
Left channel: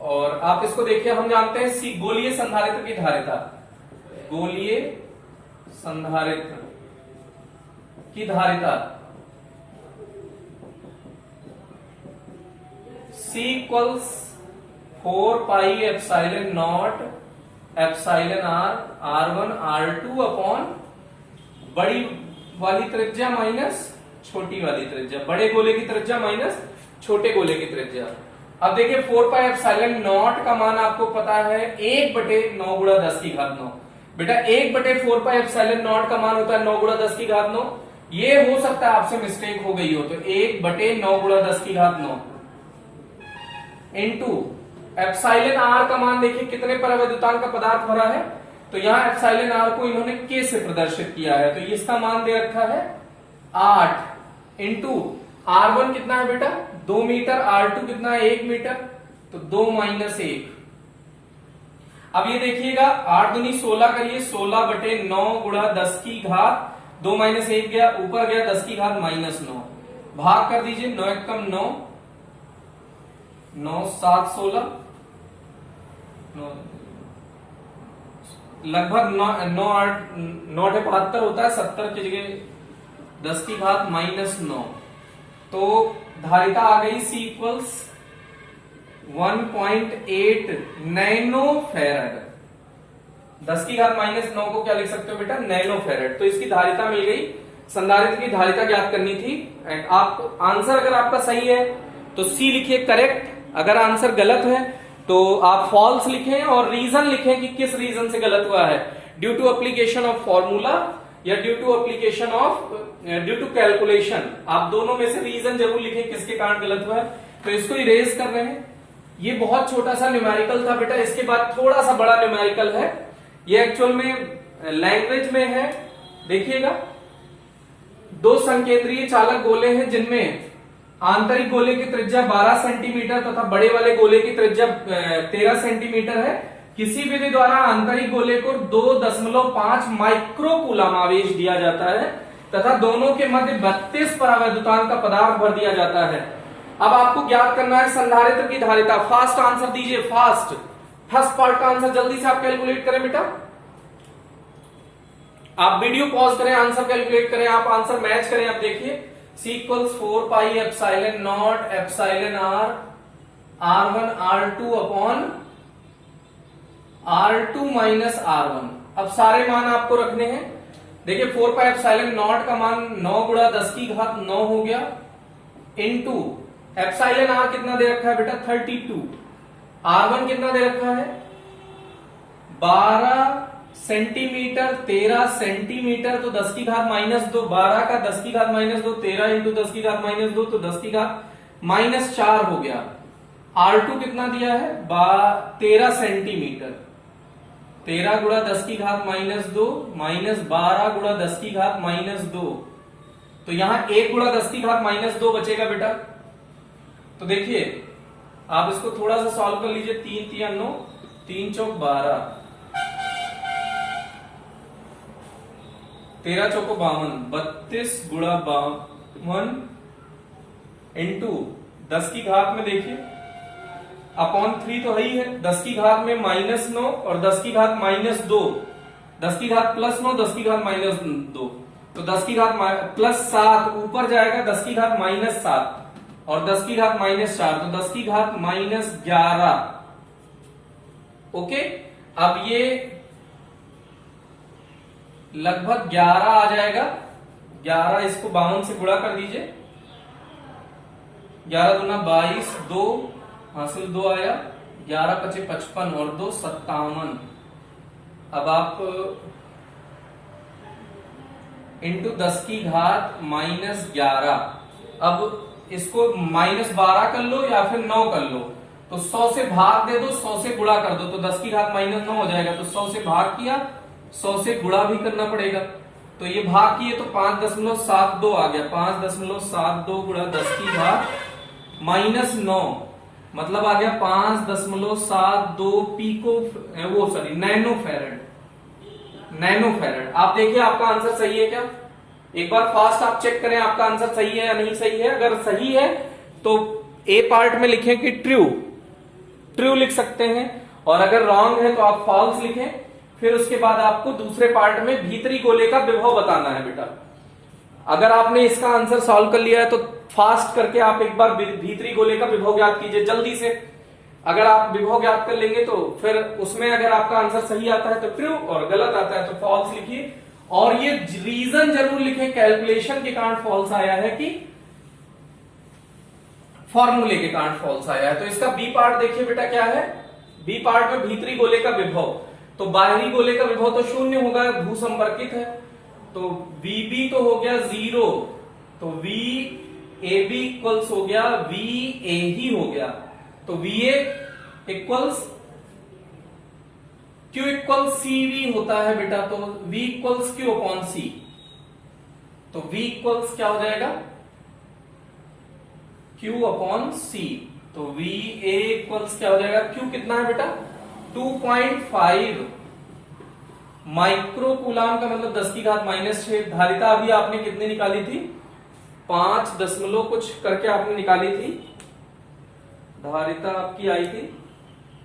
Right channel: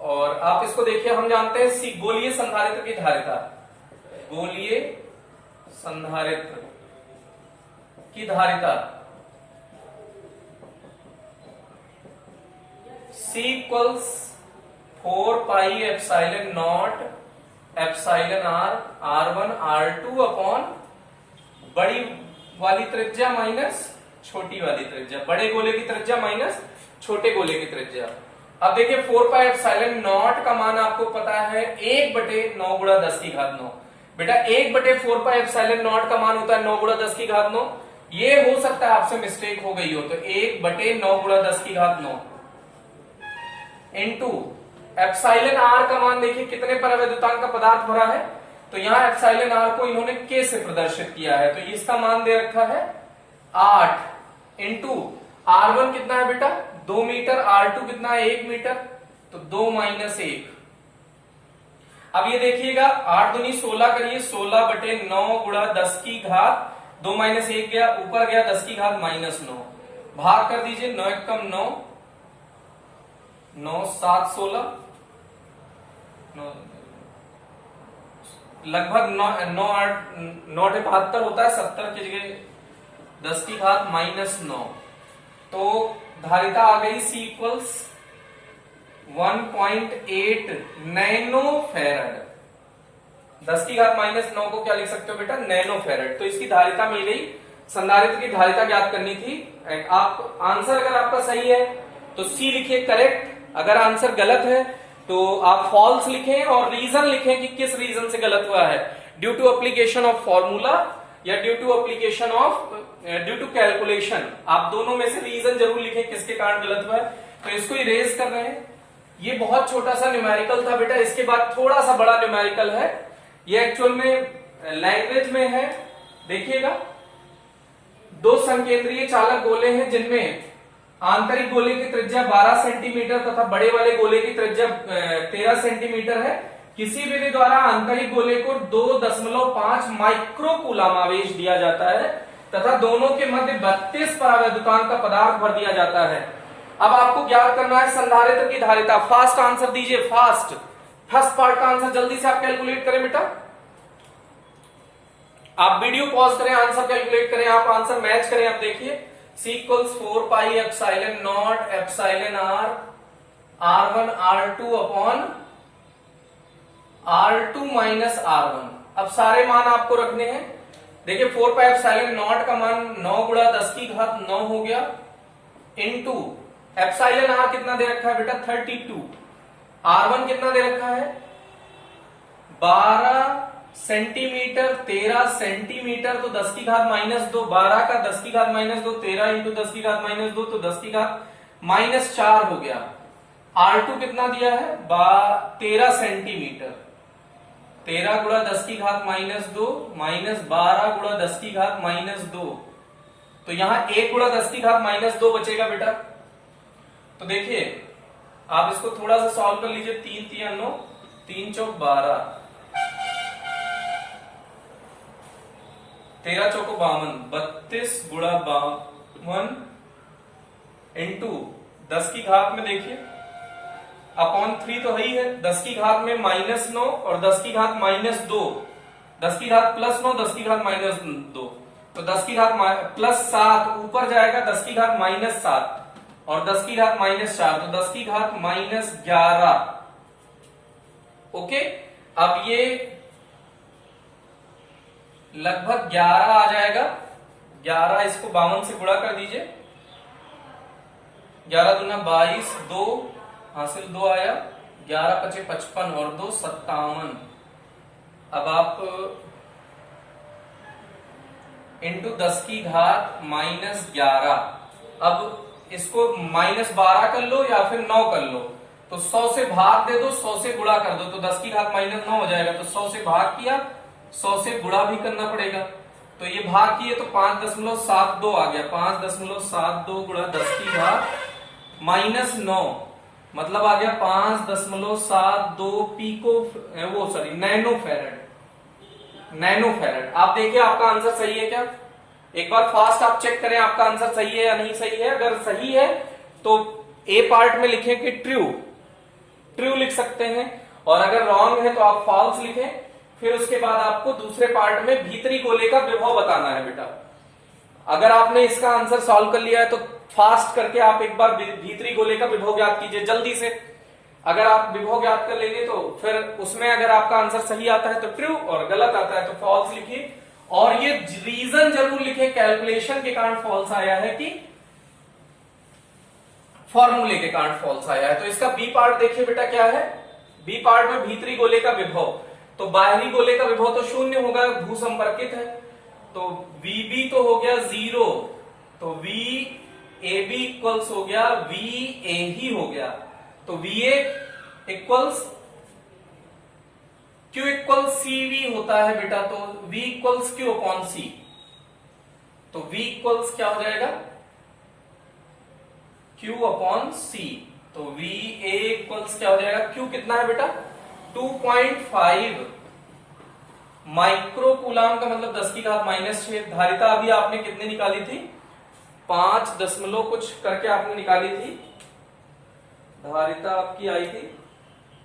और आप इसको देखिए। हम जानते हैं सी गोलीय संधारित्र की धारिता, गोलीय संधारित्र की धारिता C equals 4 pi epsilon not epsilon r R1 R2 upon बड़ी वाली त्रिज्या माइनस छोटी वाली त्रिज्या, बड़े गोले की त्रिज्या माइनस छोटे गोले की त्रिज्या। अब देखिए 4 पाई एप्सिलॉन नॉट का मान आपको पता है 1/9 गुणा 10 की घात 9। बेटा 1/4 पाई एप्सिलॉन नॉट का मान होता है 9 गुणा 10 की घात 9। ये हो सकता है आपसे मिस्टेक हो गई हो, तो 1/9 गुणा 10 की घात 9 इंटू एप्सिलॉन आर का मान देखिए कितने परावैद्युतांक का पदार्थ भरा है, तो यहां एप्सिलॉन आर को इन्होंने के से प्रदर्शित किया है, तो इसका मान दे रखा है 8 इंटू R1 कितना है बेटा 2 मीटर, R2 कितना है 1 मीटर, तो 2 माइनस 1। अब ये देखिएगा 8 दूनी 16 करिए, 16/9 गुणा 10 की घात 2 माइनस 1 गया, ऊपर गया 10 की घात माइनस 9, भाग कर दीजिए 9 एकम 9, 9 7 16, लगभग 9 8 9 72 होता है, 70 की जगह 10 की घात माइनस 9। तो धारिता आ गई C इक्वल्स 1.8 नैनो फेरड। 10 की घात माइनस 9 को क्या लिख सकते हो बेटा नैनो फेरड। तो इसकी धारिता मिल गई। संधारित्र की धारिता ज्ञात करनी थी। आप आंसर अगर आपका सही है तो C लिखिए करेक्ट, अगर आंसर गलत है तो आप फॉल्स लिखें और रीजन लिखें कि किस रीजन से गलत हुआ है, due to application of formula या due to application of due to calculation. आप दोनों में से रीजन जरूर लिखें किसके कारण गलत हुआ है। तो इसको इरेज कर रहे हैं। ये बहुत छोटा सा न्यूमेरिकल था बेटा। इसके बाद थोड़ा सा बड़ा न्यूमेरिकल है, ये एक्चुअल में लैंग्वेज में है। देखिएगा 2 संकेंद्रीय चालक गोले हैं जिनमें आंतरिक गोले की त्रिज्या 12 सेंटीमीटर तथा बड़े वाले गोले की त्रिज्या 13 सेंटीमीटर है। किसी विधि द्वारा आंतरिक गोले को 2.5 माइक्रोकूलम आवेश दिया जाता है तथा दोनों के मध्य 32 परावैद्युतांक का पदार्थ भर दिया जाता है। अब आपको ज्ञात करना है संधारित्र की धारिता। फास्ट आंसर दीजिए, फास्ट। फर्स्ट पार्ट का आंसर जल्दी से आप कैलकुलेट करें बेटा। आप वीडियो पॉज करें, आंसर कैलकुलेट करें, आप आंसर मैच करें। आप देखिए C equals 4 pi epsilon not epsilon r R1 R2 upon R2 minus R1। अब सारे मान आपको रखने हैं। देखिए 4 पाई एप्सिलॉन नॉट का मान 9 गुणा 10 की घात 9 हो गया, इनटू एप्सिलॉन R कितना दे रखा है बेटा 32, R1 कितना दे रखा है 12 सेंटीमीटर, 13 सेंटीमीटर, तो 10 की घात माइनस 2, 12 का 10 की घात माइनस 2, 13 इंटू 10 की घात माइनस 2, तो 10 की घात माइनस 4 हो गया। R2 कितना दिया है 13 सेंटीमीटर, 13 गुणा 10 की घात माइनस 2 माइनस 12 गुणा 10 की घात माइनस 2, तो यहां 1 गुणा 10 की घात माइनस 2 बचेगा बेटा। तो देखिए आप इसको थोड़ा सा सॉल्व कर लीजिए, 3 3 9, 3 चौक 12, 13 चौको 52, 32 गुणा 52 इंटू 10 की घात में देखिए अपॉन 3 तो है ही है, 10 की घात में माइनस 9 और 10 की घात माइनस 2, 10 की घात प्लस 9, 10 की घात माइनस 2, तो 10 की घात प्लस 7 ऊपर जाएगा, 10 की घात माइनस 7 और 10 की घात माइनस 4, तो 10 की घात माइनस 11। ओके, अब ये लगभग 11 आ जाएगा, 11 इसको 52 से गुणा कर दीजिए, 11 दूना 22, 2 हासिल 2 आया, 11 पचे 55 और 2 57। अब आप इंटू 10 की घात माइनस 11, अब इसको माइनस 12 कर लो या फिर 9 कर लो, तो 100 से भाग दे दो, 100 से गुणा कर दो, तो 10 की घात माइनस 9 हो जाएगा, तो 100 से भाग किया, 100 से गुणा भी करना पड़ेगा, तो ये भाग किए तो 5.72 आ गया, 5.72 गुणा 10 की घात माइनस 9, मतलब आ गया 5.72 पीको वो सॉरी नैनो फेरेड, नैनो फेरेड। आप देखिए आपका आंसर सही है क्या, एक बार फास्ट आप चेक करें आपका आंसर सही है या नहीं सही है। अगर सही है तो ए पार्ट में लिखें कि ट्रू, ट्रू लिख सकते हैं, और अगर रॉन्ग है तो आप फॉल्स लिखें। फिर उसके बाद आपको दूसरे पार्ट में भीतरी गोले का विभव बताना है बेटा। अगर आपने इसका आंसर सॉल्व कर लिया है तो फास्ट करके आप एक बार भीतरी गोले का विभव ज्ञात कीजिए जल्दी से। अगर आप विभव ज्ञात कर लेंगे तो फिर उसमें अगर आपका आंसर सही आता है तो ट्रू और गलत आता है तो फॉल्स लिखिए, और ये रीजन जरूर लिखे कैलकुलेशन के कारण फॉल्स आया है कि फॉर्मूले के कारण फॉल्स आया है। तो इसका बी पार्ट देखिए बेटा क्या है, बी पार्ट में भीतरी गोले का विभव, तो बाहरी गोले का विभव तो शून्य होगा, भू संपर्कित है, तो VB तो हो गया 0, तो VAB इक्वल्स हो गया VA ही हो गया, तो VA equals Q equal CV होता है बेटा, तो V equals Q upon C, तो V इक्वल्स क्या हो जाएगा Q अपॉन C, तो VA इक्वल्स क्या हो जाएगा, Q कितना है बेटा 2.5 माइक्रो कूलाम का मतलब 10 की घात माइनस 6। धारिता अभी आपने कितने निकाली थी 5 दशमलव कुछ करके आपने निकाली थी, धारिता आपकी आई थी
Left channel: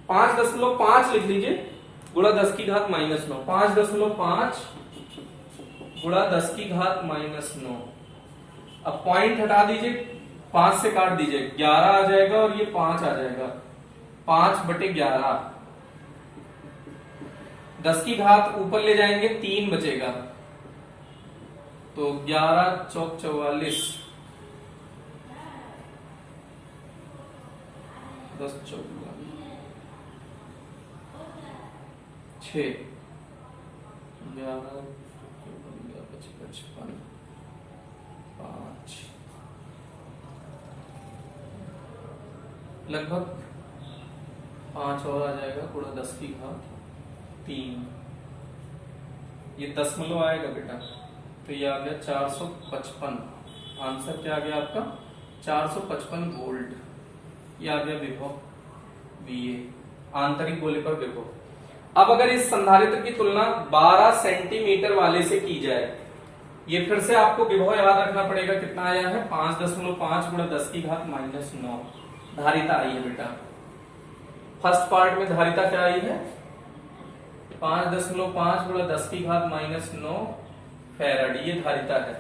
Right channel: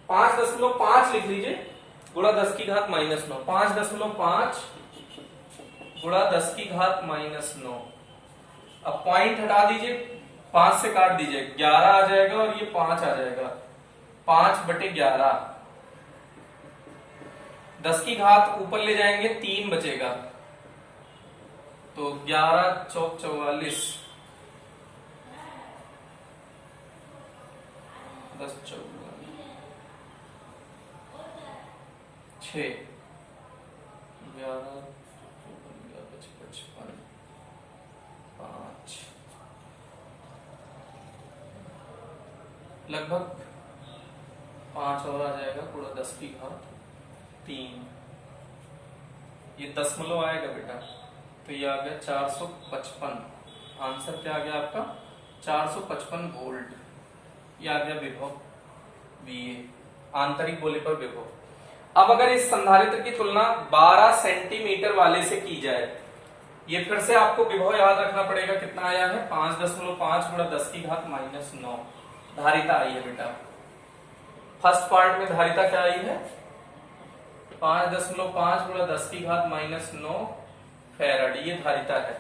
5.5 लिख लीजिए गुणा 10 की घात माइनस 9, 5.5 गुणा 10 की घात माइनस 9। अब पॉइंट हटा दीजिए, 5 से काट दीजिए, 11 आ जाएगा और ये 5 आ जाएगा, 5/11, 10 की घात ऊपर ले जाएंगे 3 बचेगा, तो 11 चौक 44, 10 चौक 6, 11 55 5, लगभग 5 और आ जाएगा, पूरा 10 की घात 3, ये दशमलव आएगा बेटा, तो ये आ गया 455। आंसर क्या आ गया आपका 455 वोल्ट, ये आ गया विभव VA, आंतरिक गोले पर विभव। अब अगर इस संधारित्र की तुलना 12 सेंटीमीटर वाले से की जाए, ये फिर से आपको विभव याद रखना पड़ेगा, कितना आया है 5.5 गुणा 10 की घात माइनस 9 धारिता आई है बेटा। फर्स्ट पार्ट में धारिता क्या आई है 5.5 गुणा 10 की घात माइनस 9 फैराड, ये धारिता है।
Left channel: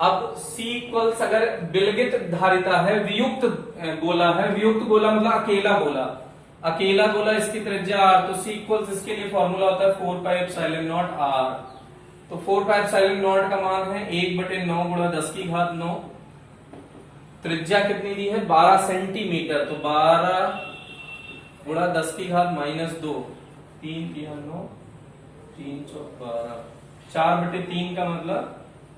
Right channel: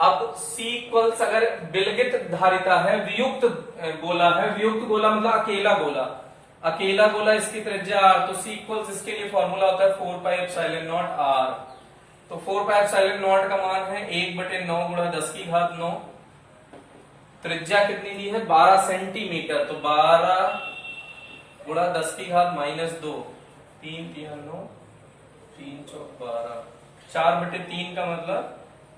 अब C इक्वल्स अगर विलगित धारिता है, वियुक्त गोला है, वियुक्त गोला मतलब अकेला गोला, अकेला गोला इसकी त्रिज्या r, तो c इक्वल्स इसके लिए फॉर्मूला होता है 4 पाई एप्सिलॉन नॉट r। तो 4 पाई एप्सिलॉन नॉट का मान है 1/9 गुणा 10 की घात 9। त्रिज्या कितनी दी है 12 सेंटीमीटर, तो 12 गुणा 10 की घात -2, 3 3 9, 3 चौक 12, 4/3 का मतलब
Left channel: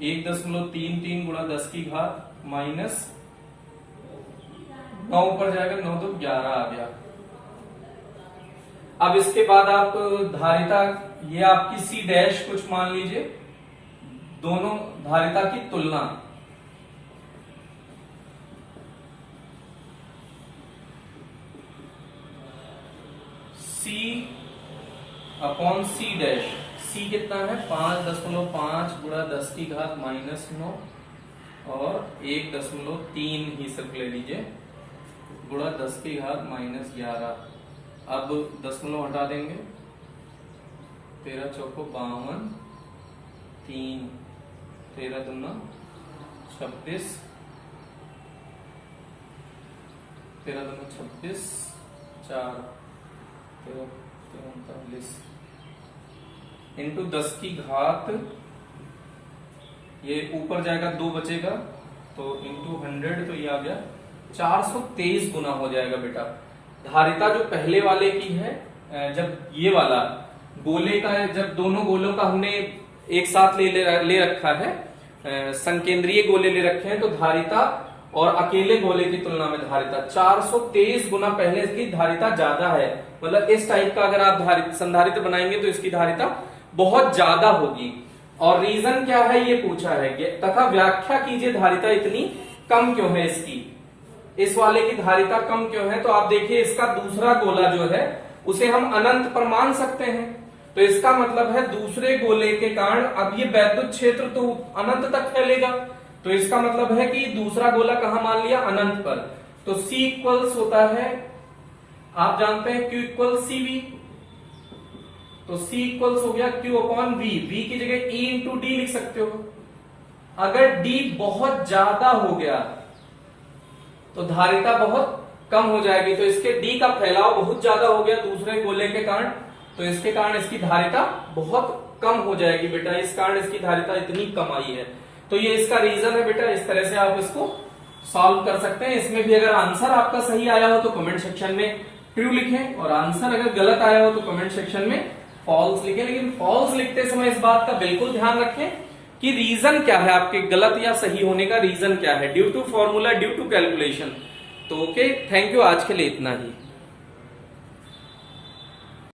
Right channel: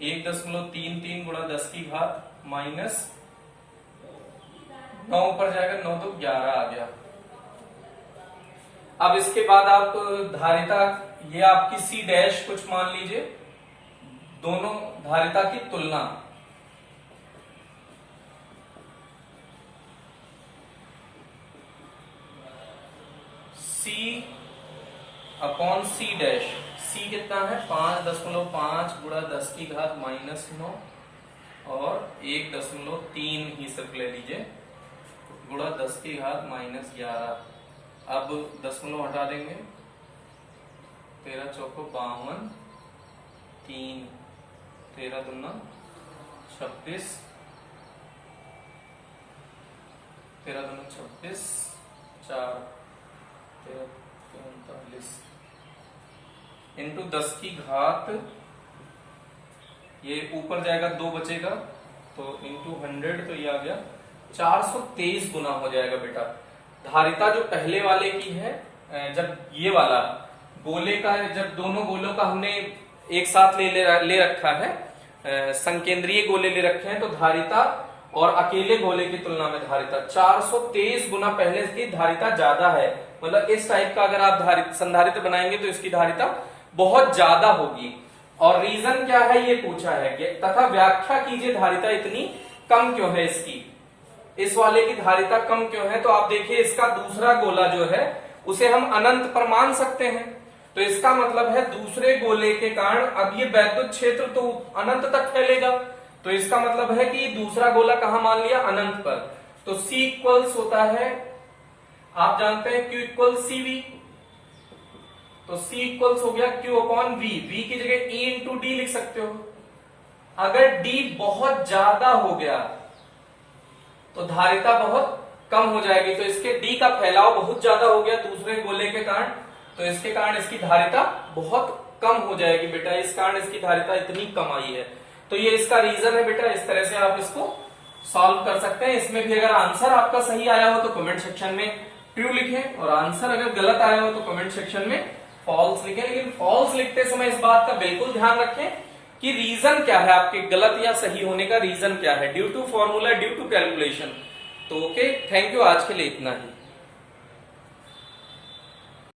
1.33 गुणा 10 की घात -9 ऊपर जाएगा, 9 2 11 आ गया। अब इसके बाद आप धारिता, ये आपकी सी डैश कुछ मान लीजिए, दोनों धारिता की तुलना। सी अपॉन सी डैश, सी कितना है 5.5 गुणा 10 की घात -9 और 1.3 ही सिर्फ ले लीजिए गुणा 10 की घात -11। अब दशमलव हटा देंगे, 13 चौको 52, 3 13 दूना 26, 13 दूना 26, 4 39 इंटू 10 की घात, ये ऊपर जाएगा 2 बचेगा, तो इंटू 100, तो ये आ गया 423 गुना हो जाएगा बेटा। धारिता जो पहले वाले की है, जब ये वाला गोले का, जब दोनों गोलों का हमने एक साथ ले रखा है, संकेंद्रीय गोले ले रखे हैं, तो धारिता और अकेले गोले की तुलना में धारिता 423 गुना पहले की धारिता ज्यादा है। मतलब इस टाइप का अगर आप संधारित्र बनाएंगे तो इसकी धारिता बहुत ज्यादा होगी। और रीजन क्या है ये पूछा है, तथा व्याख्या कीजिए धारिता इतनी कम क्यों है इसकी, इस वाले की धारिता कम क्यों है। तो आप देखिए इसका दूसरा गोला जो है उसे हम अनंत पर मान सकते हैं, तो इसका मतलब है दूसरे गोले के कारण अब ये वैद्युत क्षेत्र तो अनंत तक फैलेगा, तो इसका मतलब है कि दूसरा गोला कहां मान लिया, अनंत पर। तो C इक्वल्स होता है, आप जानते हैं Q इक्वल CV, तो C इक्वल्स हो गया Q अपॉन V, V की जगह E इंटू D लिख सकते हो। अगर D बहुत ज्यादा हो गया तो धारिता बहुत कम हो जाएगी, तो इसके D का फैलाव बहुत ज्यादा हो गया दूसरे गोले के कारण, तो इसके कारण इसकी धारिता बहुत कम हो जाएगी बेटा, इस कारण इसकी धारिता इतनी कम आई है। तो ये इसका रीजन है बेटा, इस तरह से आप इसको सॉल्व कर सकते हैं। इसमें भी अगर आंसर आपका सही आया हो तो कमेंट सेक्शन में ट्रू लिखें, और आंसर अगर गलत आया हो तो कमेंट सेक्शन में फॉल्स लिखें। लेकिन फॉल्स लिखते समय इस बात का बिल्कुल ध्यान रखें कि रीजन क्या है, आपके गलत या सही होने का रीजन क्या है, due to formula, due to calculation. तो ओके, थैंक यू, आज के लिए इतना ही।